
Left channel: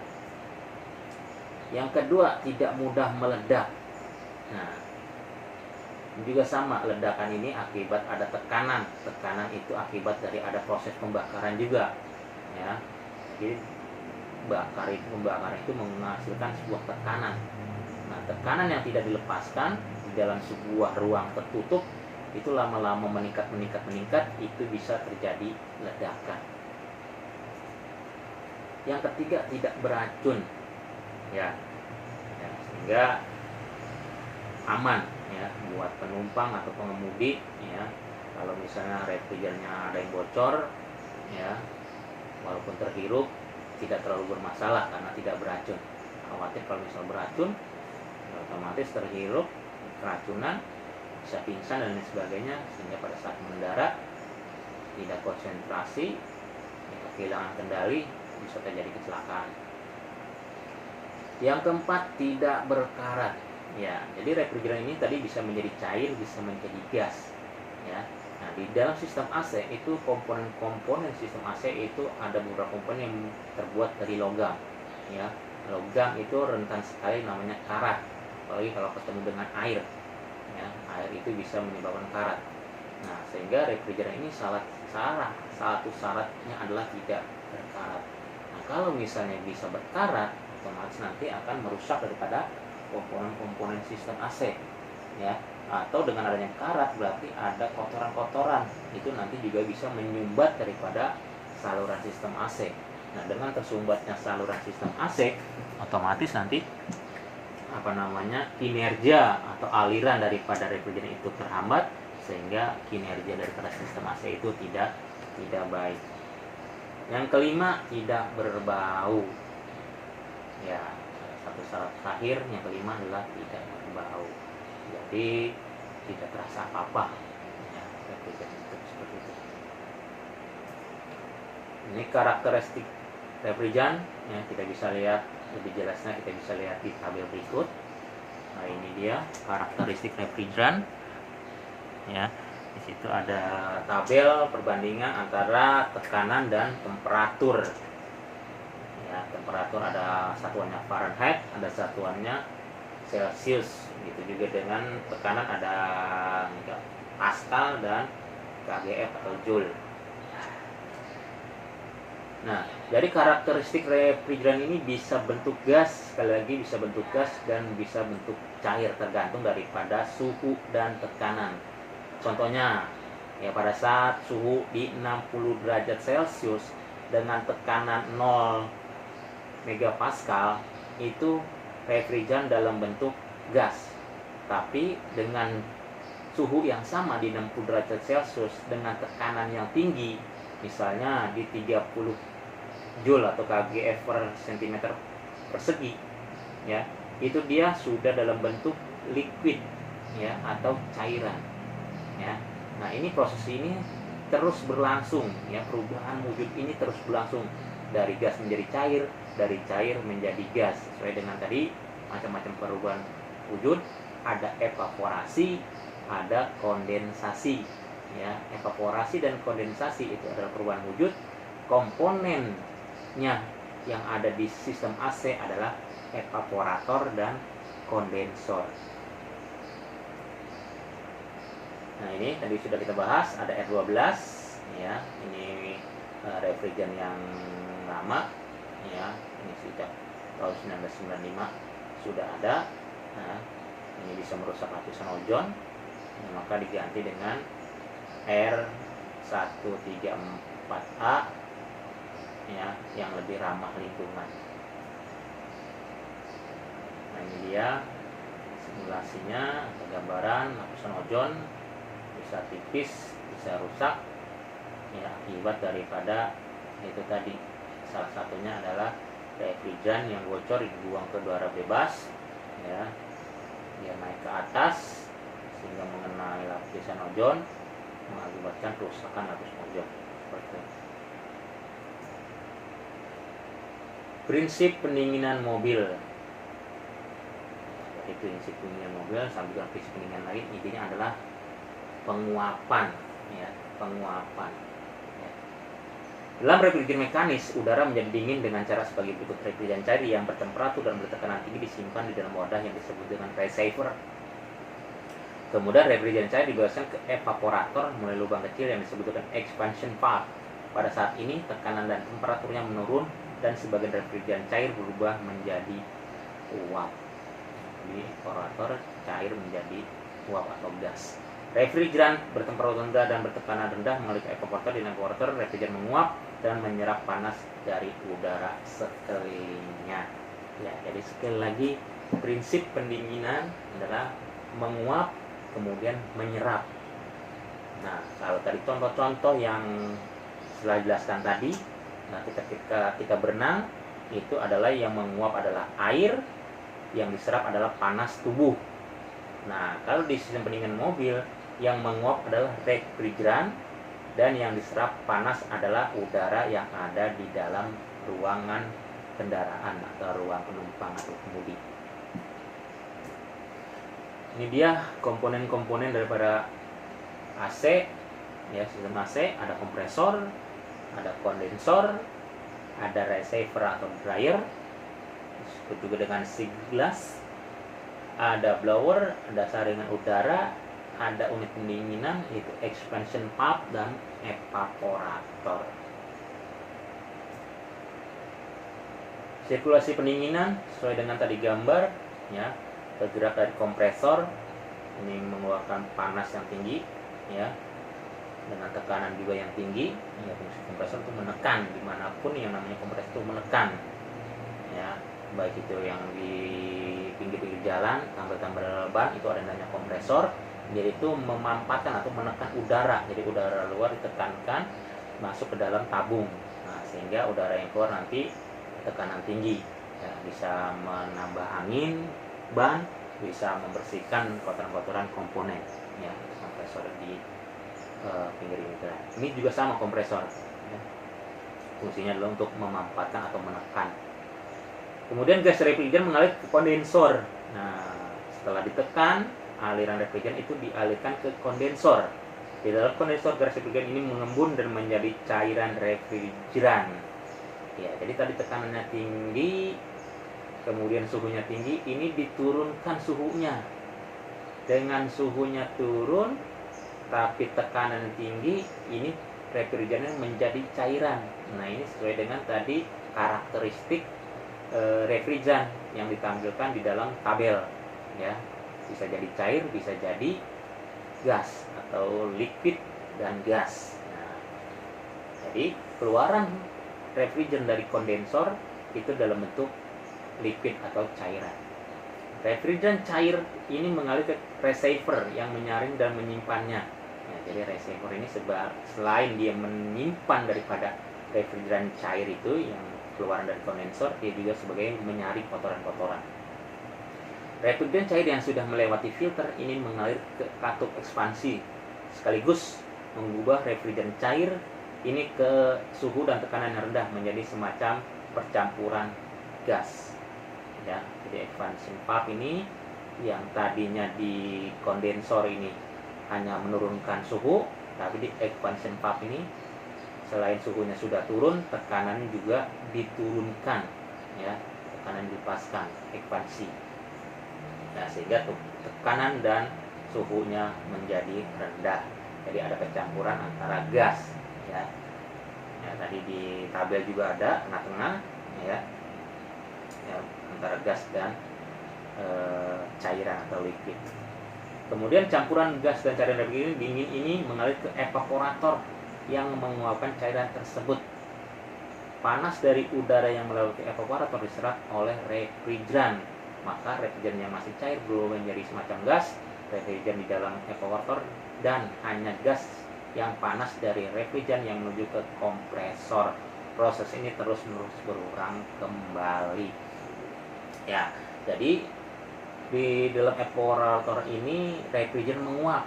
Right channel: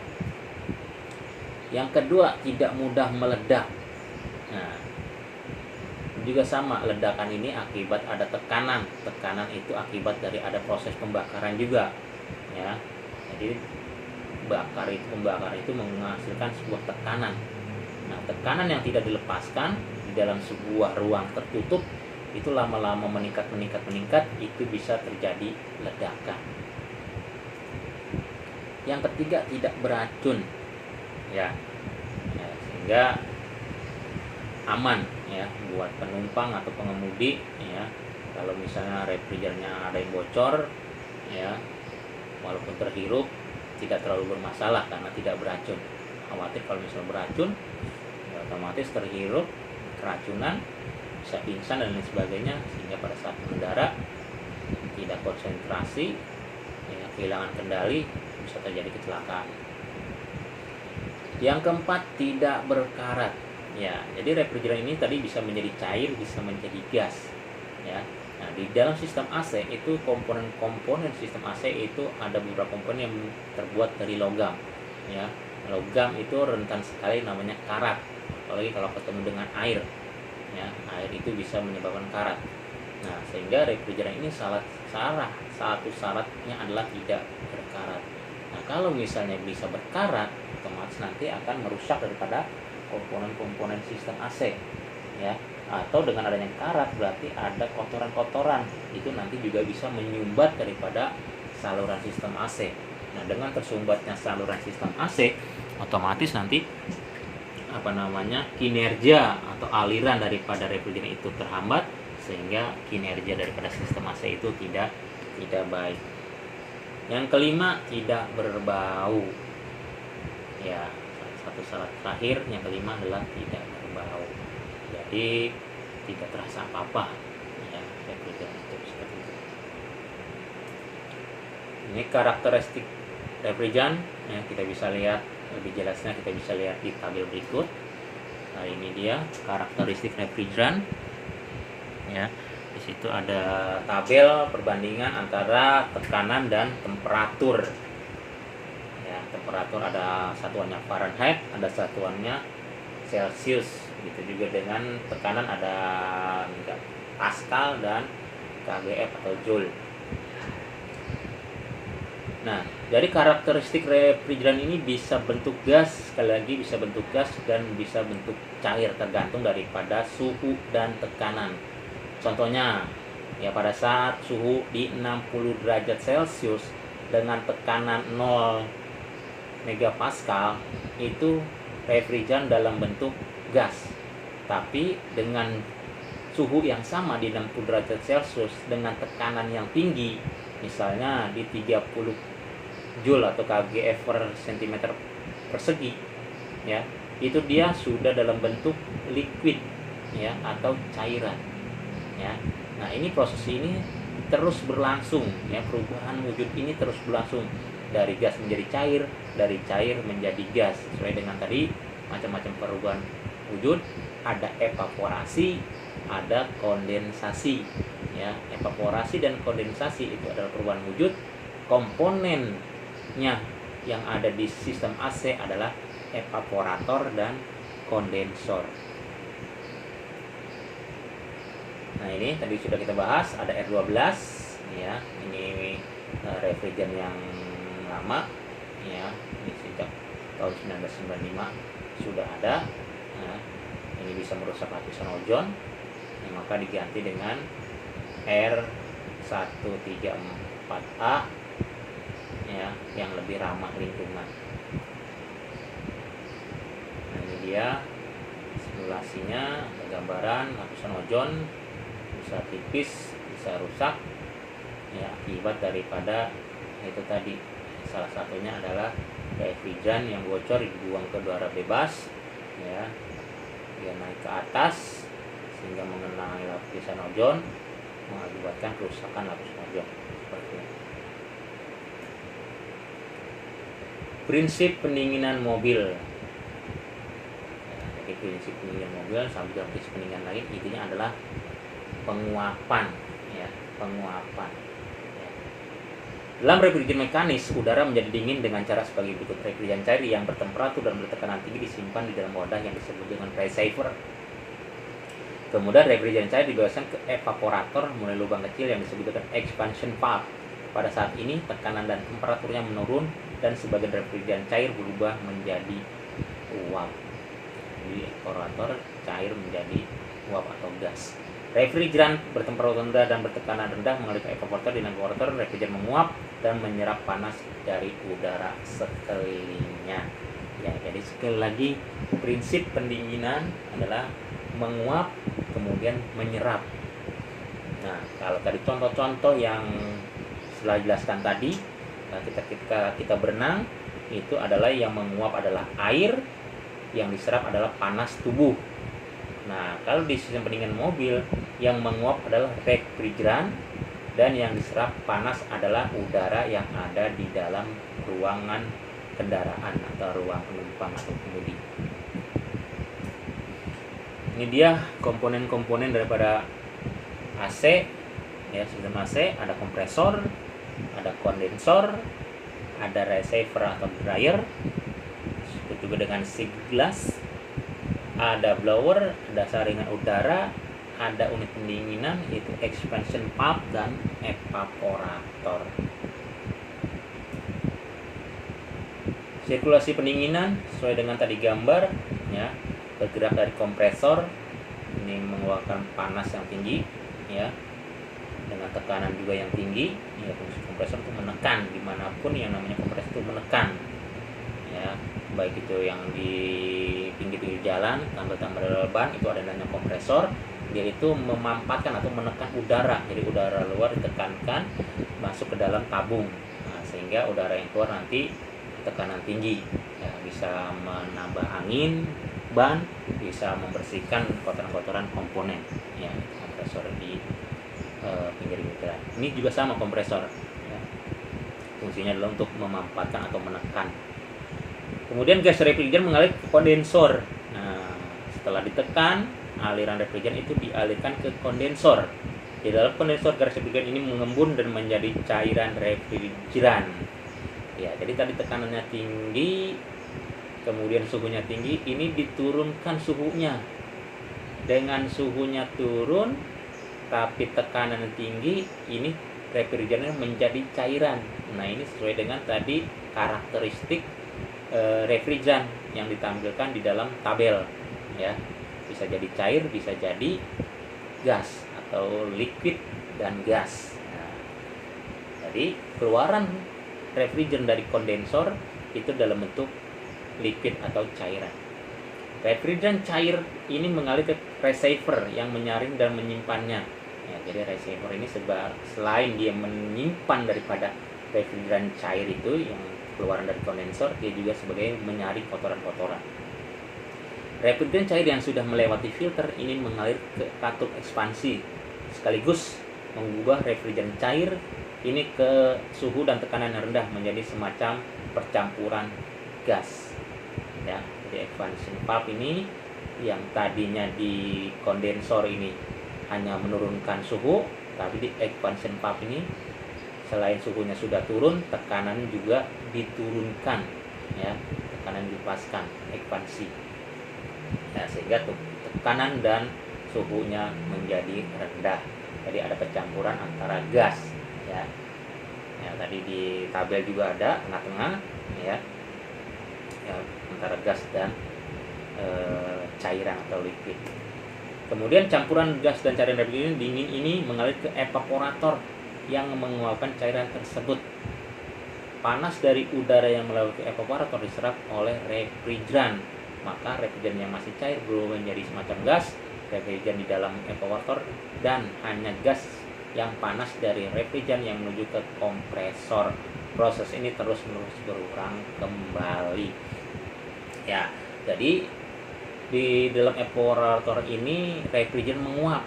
Yang kedua, tidak mudah meledak. Nah, juga sama, ledakan ini akibat ada tekanan. Tekanan itu akibat dari ada proses pembakaran juga. Ya. Jadi pembakaran itu menghasilkan sebuah tekanan. Nah, tekanan yang tidak dilepaskan di dalam sebuah ruang tertutup itu lama-lama meningkat, itu bisa terjadi ledakan. Yang ketiga, tidak beracun. Ya, sehingga aman, ya, buat penumpang atau pengemudi. Ya, kalau misalnya refrigerannya ada yang bocor, ya, walaupun terhirup tidak terlalu bermasalah karena tidak beracun. Khawatir kalau misalnya beracun, ya, otomatis terhirup keracunan, bisa pingsan dan lain sebagainya, sehingga pada saat mendarat tidak konsentrasi, ya, kehilangan kendali, bisa terjadi kecelakaan. Yang keempat, tidak berkarat. Ya, jadi refrigeran ini tadi bisa menjadi cair, bisa menjadi gas. Ya. Nah, di dalam sistem AC itu komponen-komponen sistem AC itu ada beberapa komponen yang terbuat dari logam. Ya, logam itu rentan sekali namanya karat. Apalagi kalau ketemu dengan air. Ya, air itu bisa menyebabkan karat. Nah, sehingga refrigeran ini satu syaratnya adalah tidak berkarat. Nah, kalau misalnya bisa berkarat, otomatis nanti akan merusak daripada komponen-komponen sistem AC, ya. Atau dengan adanya karat berarti ada kotoran-kotoran, itu nanti juga bisa menyumbat daripada saluran sistem AC. Nah, dengan tersumbatnya saluran sistem AC, otomatis nanti kinerja atau aliran daripada refrigeran itu terhambat, sehingga kinerja daripada sistem AC itu tidak baik. Yang kelima, tidak berbau. Ya, satu syarat terakhir yang kelima adalah tidak berbau. Jadi tidak terasa apa-apa. Ya, refrigeran itu seperti itu. Ini karakteristik refrigeran yang kita bisa lihat lebih jelasnya, kita bisa lihat di tabel berikut. Nah, ini dia karakteristik refrigeran. Ya, di situ ada tabel perbandingan antara tekanan dan temperatur. Ya, temperatur ada satuannya Fahrenheit, ada satuannya Celsius. Gitu juga dengan tekanan ada Pascal dan kgf atau Joule. Nah, jadi karakteristik refrigeran ini bisa bentuk gas, sekali lagi bisa bentuk gas dan bisa bentuk cair tergantung daripada suhu dan tekanan. Contohnya, ya pada saat suhu di 60 derajat Celcius dengan tekanan 0 megapascal itu refrigeran dalam bentuk gas. Tapi dengan suhu yang sama di 60 derajat Celcius dengan tekanan yang tinggi, misalnya di 30 Joule atau kgf per cm persegi, ya, itu dia sudah dalam bentuk liquid, ya, atau cairan, ya. Nah, ini proses ini terus berlangsung, ya, perubahan wujud ini terus berlangsung dari gas menjadi cair, dari cair menjadi gas, sesuai dengan tadi macam-macam perubahan wujud. Ada evaporasi, ada kondensasi, ya. Evaporasi dan kondensasi itu adalah perubahan wujud. Komponennya yang ada di sistem AC adalah evaporator dan kondensor. Nah, ini tadi sudah kita bahas, ada R12, ya. Ini refrigeran yang lama, ya. Ini sejak tahun 1995 sudah ada. Nah, ini bisa merusak lapisan ozon, maka diganti dengan R134A, ya, yang lebih ramah lingkungan. Nah, ini dia simulasinya, gambaran lapisan ozon bisa tipis, bisa rusak, ya, akibat daripada itu tadi. Salah satunya adalah refrigeran yang bocor dibuang ke udara bebas, ya, dia naik ke atas sehingga mengenai lapisan ozon, mengakibatkan kerusakan lapisan ozon. Seperti ini. Prinsip pendinginan mobil. Jadi prinsip pendinginan mobil sama juga prinsip pendinginan lain, intinya adalah penguapan, ya, penguapan. Ya. Dalam refrigeran mekanis, udara menjadi dingin dengan cara sebagai berikut. Refrigeran cair yang bertemperatur dan bertekanan tinggi disimpan di dalam wadah yang disebut dengan receiver. Kemudian refrigeran cair dibebaskan ke evaporator melalui lubang kecil yang disebut dengan expansion valve. Pada saat ini tekanan dan temperaturnya menurun dan sebagian refrigeran cair berubah menjadi uap. Jadi evaporator cair menjadi uap atau gas. Refrigeran bertemperatur rendah dan bertekanan rendah melalui evaporator. Di evaporator, refrigeran menguap dan menyerap panas dari udara sekelilingnya. Ya, jadi sekali lagi prinsip pendinginan adalah menguap kemudian menyerap. Nah, kalau tadi contoh-contoh yang setelah jelaskan tadi, nah, ketika kita berenang itu adalah yang menguap adalah air, yang diserap adalah panas tubuh. Nah, kalau di sistem pendinginan mobil, yang menguap adalah refrigeran dan yang diserap panas adalah udara yang ada di dalam ruangan kendaraan atau ruang penumpang atau pengemudi. Ini dia komponen-komponen daripada AC, ya, sistem AC. Ada kompresor, ada kondensor, ada receiver atau dryer, disebut juga dengan sea glass, ada blower, ada saringan udara, ada unit pendinginan yaitu expansion valve dan evaporator. Sirkulasi pendinginan sesuai dengan tadi gambar, ya, bergerak dari kompresor, ini mengeluarkan panas yang tinggi, ya, dengan tekanan juga yang tinggi. Ya, fungsi kompresor itu menekan dimanapun yang namanya kompresor itu menekan, ya, baik itu yang di pinggir-pinggir jalan, tambal-tambal ban itu ada namanya kompresor. Dia itu memampatkan atau menekan udara, jadi udara luar ditekankan masuk ke dalam tabung, nah, sehingga udara yang keluar nanti tekanan tinggi, ya, bisa menambah angin ban, bisa membersihkan kotoran-kotoran komponen, ya, kompresor di pinggir jalan. Ini juga sama kompresor, ya. Fungsinya adalah untuk memampatkan atau menekan. Kemudian gas refrigeran mengalir ke kondensor. Nah, setelah ditekan, aliran refrigeran itu dialirkan ke kondensor. Di dalam kondensor gas refrigeran ini mengembun dan menjadi cairan refrigeran. Ya, jadi tadi tekanannya tinggi, kemudian suhunya tinggi, ini diturunkan suhunya. Dengan suhunya turun, tapi tekanan tinggi, ini refrigeran menjadi cairan. Nah, ini sesuai dengan tadi karakteristik refrigeran yang ditampilkan di dalam tabel, ya. Bisa jadi cair, bisa jadi gas atau liquid dan gas. Nah, jadi keluaran refrigeran dari kondensor itu dalam bentuk liquid atau cairan. Refrigeran cair ini mengalir ke receiver yang menyaring dan menyimpannya. Ya, jadi receiver ini selain dia menyimpan daripada refrigeran cair itu yang keluaran dari kondensor, dia juga sebagai menyaring kotoran-kotoran. Refrigeran cair yang sudah melewati filter ini mengalir ke katup ekspansi, sekaligus mengubah refrigeran cair ini ke suhu dan tekanan yang rendah menjadi semacam percampuran gas, ya. Jadi expansion valve ini yang tadinya di kondensor ini hanya menurunkan suhu, tapi di expansion valve ini selain suhunya sudah turun, tekanan juga diturunkan, ya, tekanan dilepaskan, ekspansi, ya, sehingga tekanan dan suhunya menjadi rendah. Jadi ada percampuran antara gas, ya. Ya, tadi di tabel juga ada tengah-tengah, ya, ya, antara gas dan cairan atau liquid. Kemudian campuran gas dan cairan refrigeran dingin ini mengalir ke evaporator yang menguapkan cairan tersebut. Panas dari udara yang melalui ke evaporator diserap oleh refrigeran, maka refrigeran yang masih cair berubah menjadi semacam gas. Refrigeran di dalam evaporator dan hanya gas yang panas dari refrigeran yang menuju ke kompresor. Proses ini terus-menerus berulang kembali. Ya, jadi di dalam evaporator ini refrigeran menguap.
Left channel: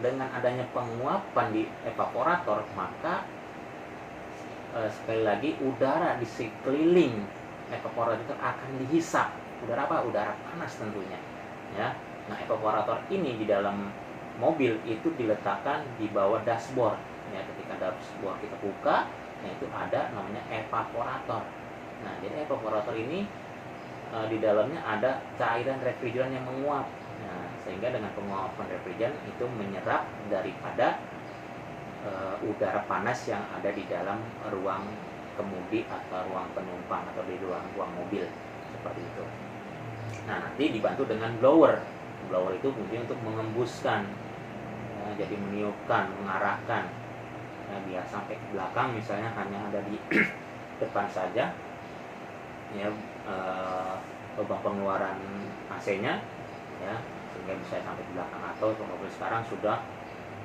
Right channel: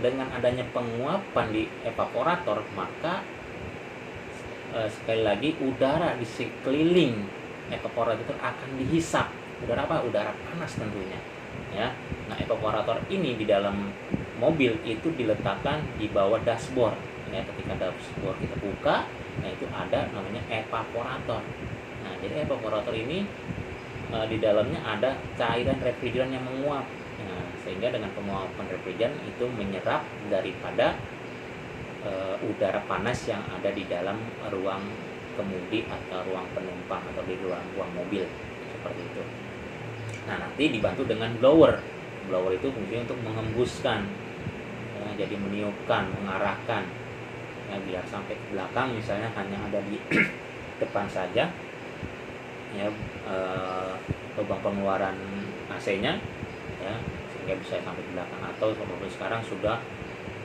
Dengan adanya penguapan di evaporator, maka sekali lagi udara di sekeliling evaporator akan dihisap. Udara apa? Udara panas tentunya, ya. Nah, evaporator ini di dalam mobil itu diletakkan di bawah dashboard, ya. Ketika dashboard kita buka, nah itu ada namanya evaporator. Nah, jadi evaporator ini di dalamnya ada cairan refrigeran yang menguap. Nah, sehingga dengan penguapan refrigeran itu menyerap daripada udara panas yang ada di dalam ruang kemudi atau ruang penumpang atau di ruang mobil, seperti itu. Nah, nanti dibantu dengan blower. Blower itu fungsinya untuk mengembuskan, ya, jadi meniupkan, mengarahkan, ya, biar sampai ke belakang, misalnya hanya ada di depan saja, ya, lubang pengeluaran AC-nya, ya, sehingga bisa sampai ke belakang. Atau mobil sekarang sudah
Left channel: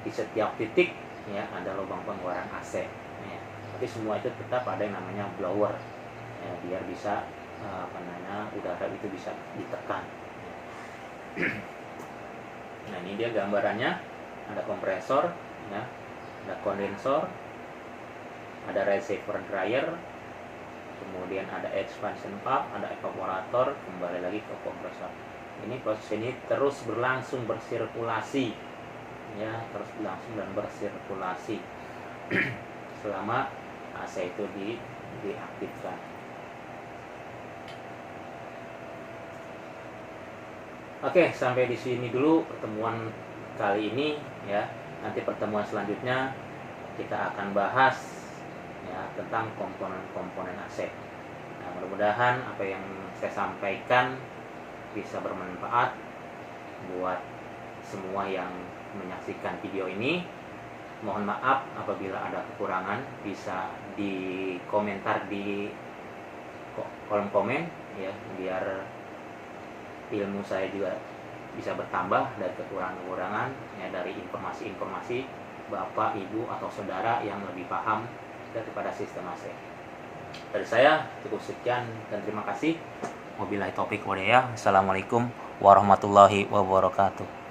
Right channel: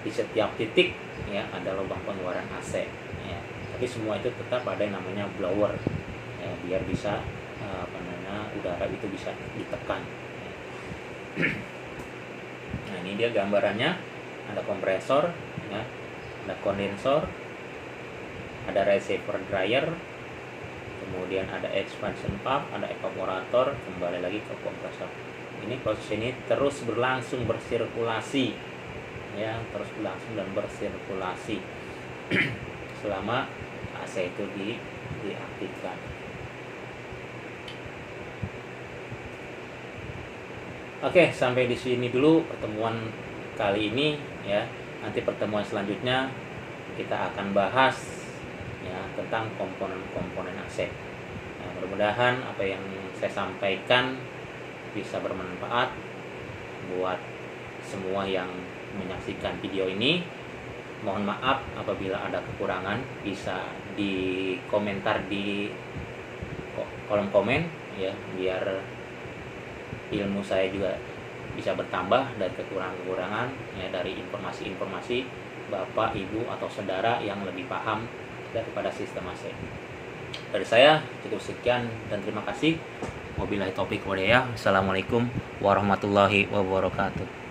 di setiap titik, ya, ada lubang pengeluaran AC, ya. Tapi semua itu tetap ada yang namanya blower, ya, biar bisa udara itu bisa ditekan, ya. Nah, ini dia gambarannya. Ada kompresor, ya, ada kondensor, ada receiver dryer, kemudian ada expansion pump, ada evaporator, kembali lagi ke kompresor. Ini proses ini terus berlangsung bersirkulasi, ya, terus berlangsung dan bersirkulasi selama AC itu diaktifkan. Oke, sampai di sini dulu pertemuan kali ini ya. Nanti pertemuan selanjutnya kita akan bahas ya tentang komponen-komponen AC. Nah, mudah-mudahan apa yang saya sampaikan bisa bermanfaat buat semua yang menyaksikan video ini. Mohon maaf apabila ada kekurangan, bisa dikomentar di kolom komen ya, biar ilmu saya juga bisa bertambah dari kekurangan-kekurangan ya, dari informasi-informasi Bapak, Ibu atau saudara yang lebih paham ya kepada sistem AC. Dari saya cukup sekian dan terima kasih. Wabillahi taufik walhidayah. Assalamualaikum warahmatullahi wabarakatuh.